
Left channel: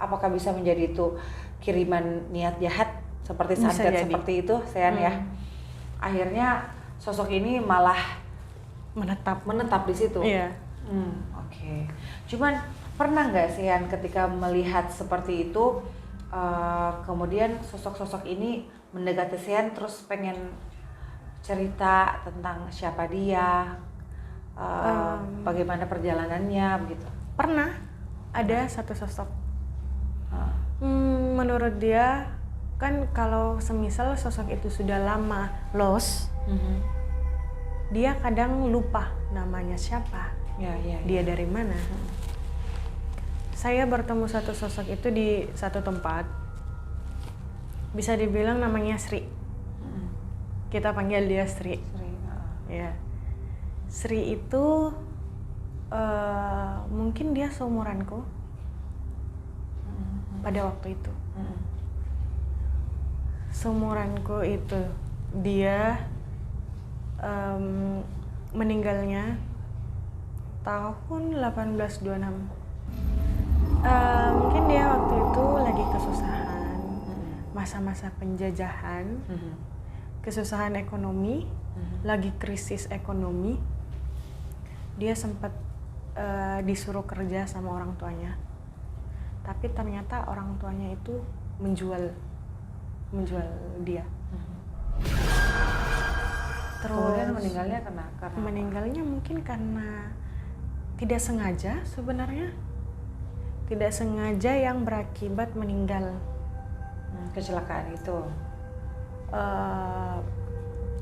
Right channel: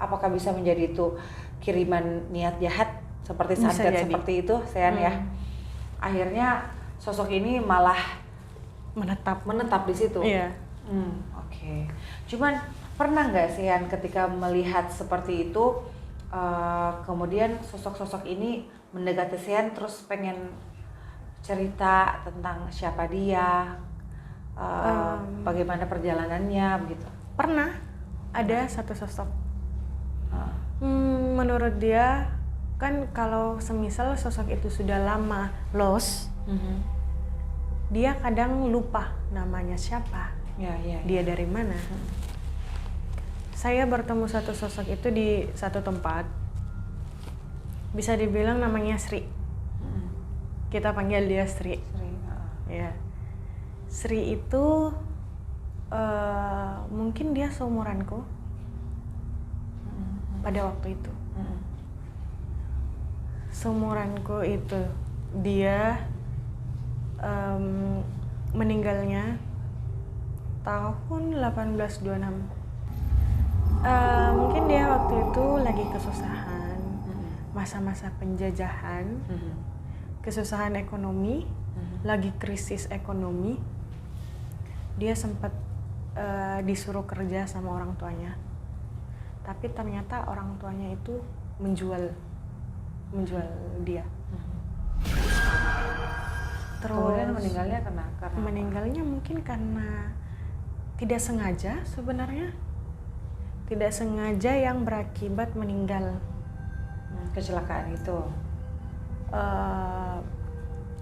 apakah bisa menjadi itu kiriman niat jahat seperti santet seperti itu Sean ya. Akhirnya sosok ini malah menetap di situ. Iya. Oke. Cuman pernah nggak Sean ketika melihat seperti itu, kemudian sosok-sosok ini mendekati Sean terus pengen cerita tentang siapa dia, bagaimana perjalanannya begitu? Pernah ada satu sosok. Menurut dia kan kalau semisal sosok itu sudah lama lost, dia kadang lupa namanya siapa, dia dari mana. Saya bertemu satu sosok itu di satu tempat, bisa dibilang namanya Sri. Kita panggil dia Sri. Ya. Sri itu mungkin dia seumuranku pada waktu itu. Seumuranku itu dia meninggalnya tahun 1826. Mungkin dia waktu itu lagi kesusahan, masa-masa penjajahan, kesusahan ekonomi, lagi krisis ekonomi. Dia sempat disuruh kerja sama orang tuanya, tapi ternyata orang tuanya itu menjual dia. Terus kemudian meninggalnya karena meninggalnya mungkin karena tidak sengaja sebenarnya. Tidak sengaja yang berakibat meninggal. Kecelakaan itu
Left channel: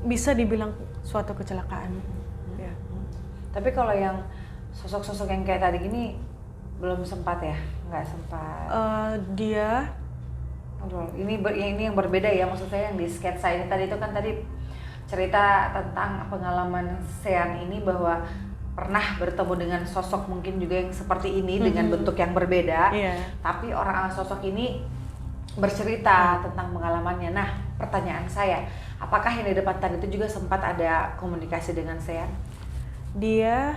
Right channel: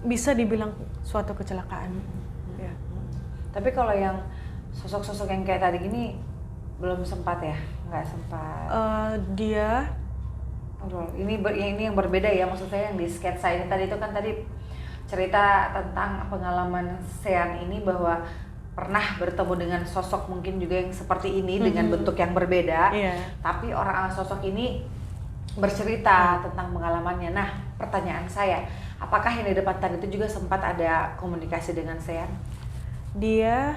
bisa dibilang suatu kecelakaan. Ya. Tapi kalau yang sosok-sosok yang kayak tadi gini belum sempat ya? Nggak sempat. Dia ini yang berbeda ya, maksud saya yang di sketsa ini tadi itu kan tadi cerita tentang pengalaman Sean ini bahwa pernah bertemu dengan sosok mungkin juga yang seperti ini dengan bentuk yang berbeda, tapi orang sosok ini bercerita tentang pengalamannya. Nah, pertanyaan saya, apakah yang di depan tadi itu juga sempat ada komunikasi dengan Sean? Dia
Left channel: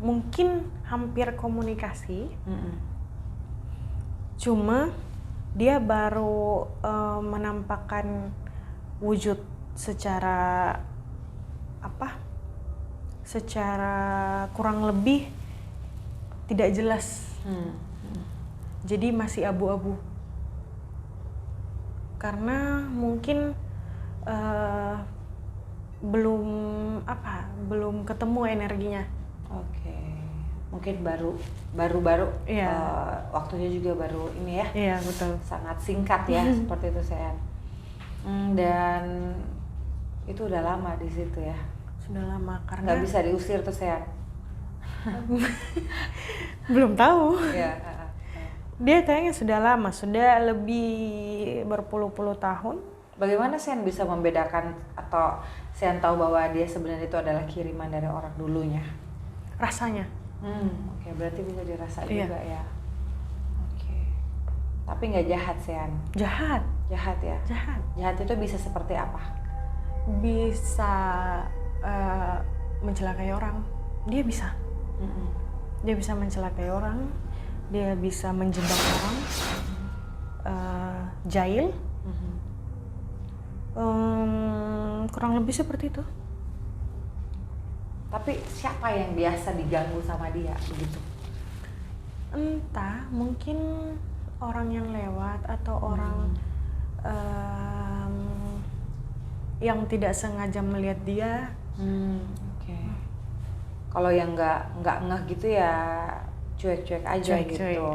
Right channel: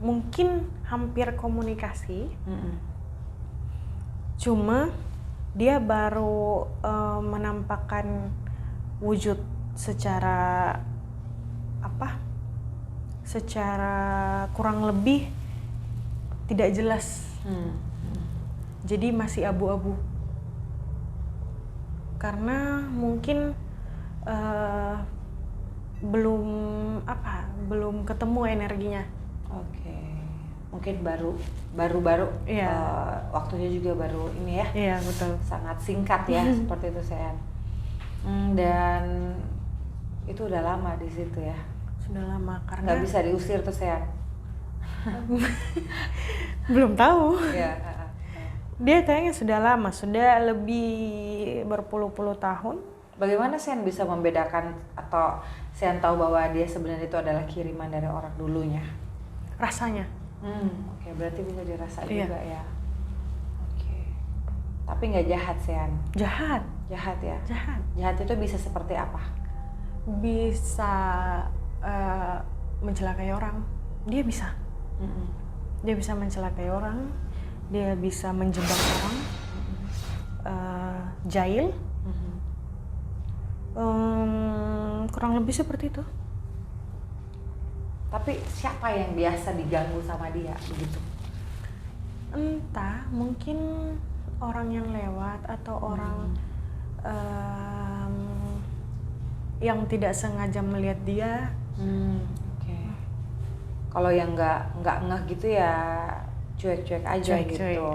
mungkin hampir komunikasi, cuma dia baru menampakkan wujud secara kurang lebih tidak jelas. Jadi masih abu-abu karena mungkin belum ketemu energinya. Oke. Mungkin baru waktunya juga baru ini ya. Iya, betul. Sangat singkat ya seperti itu Sean. Dan itu udah lama di situ ya. Sudah lama karena nggak bisa diusir tuh Sean. Belum tahu. Ya. Dia kayaknya sudah lama, sudah lebih berpuluh-puluh tahun. Bagaimana Sean bisa membedakan atau Sean tahu bahwa dia sebenarnya itu adalah kiriman dari orang dulunya? Rasanya. Oke, berarti bisa dirasa juga ya. Oke. Tapi nggak jahat Sean? Jahat ya? Jahat itu bisa seperti apa? Bisa mencelakai orang. Dia bisa. Mm-mm. Dia bisa mencelakai orang, dia bisa menjebak orang, jahil, Mhm. kurang lebih seperti itu. Tapi siapa yang biasa diganggu sama dia begitu? Entah, mungkin orang yang lewat atau orang yang tidak sengaja melihat dia. Oke. Kalau yang nggak ngeh gitu ya cuek-cuek aja Cuek-cuek, gitu.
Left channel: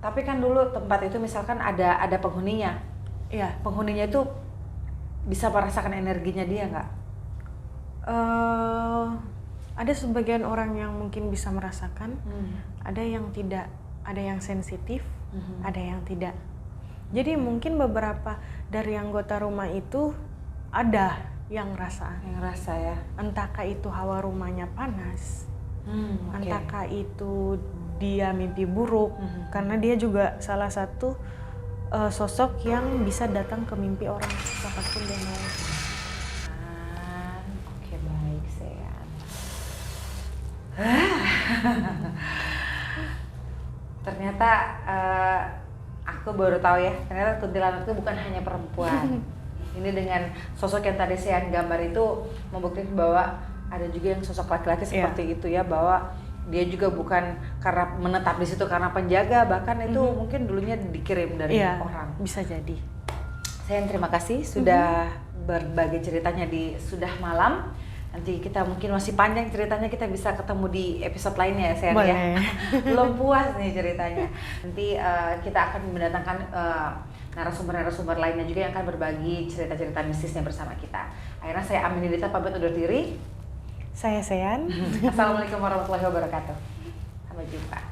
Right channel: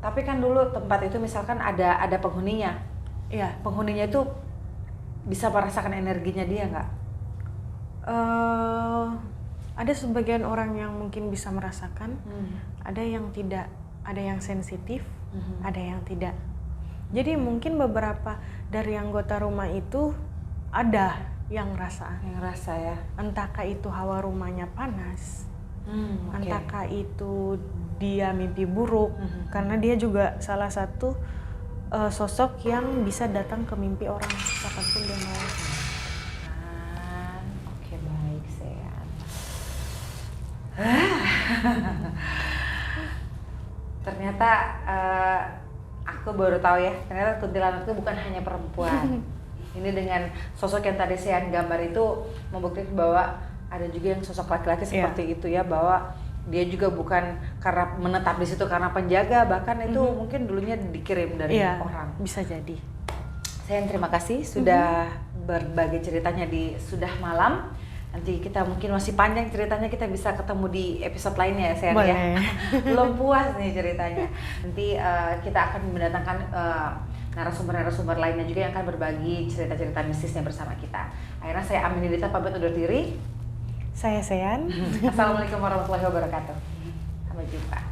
Tapi kan dulu tempat itu misalkan ada penghuninya. Iya. Penghuninya itu bisa merasakan energinya dia nggak? Ada sebagian orang yang mungkin bisa merasakan, ada yang tidak, ada yang sensitif, ada yang tidak. Jadi mungkin beberapa dari anggota rumah itu ada yang rasa. Yang rasa ya. Entahkah itu hawa rumahnya panas, Okay. entahkah itu dia mimpi buruk, karena dia juga salah satu sosok yang bisa datang ke mimpi orang kapanpun dia mau. Oke, baik Sean. Ternyata aku baru tahu ya, ternyata kuntilanak itu bukan hanya perempuan. Ini dengan sosok yang tadi Sean gambar itu membuktikan bahwa ada juga yang sosok laki-laki seperti itu ya, bahwa dia juga bukan karena menetap di situ karena penjaga, bahkan itu mungkin dulunya dikirim dari orang. Bisa jadi. Sean, terima kasih sudah berbagi ceritanya di Sudah Malam. Nanti kita mungkin masih panjang ceritanya, kita bisa ketemu di episode lainnya ya Sean ya. Belum puas nih ceritanya. Nanti kita akan mendatangkan narasumber-narasumber lainnya juga yang akan berbagi cerita-cerita mistisnya bersama kita. Akhirnya saya Aminidita pamit undur diri. Saya Sean. Assalamualaikum warahmatullahi wabarakatuh. Sampai jumpa.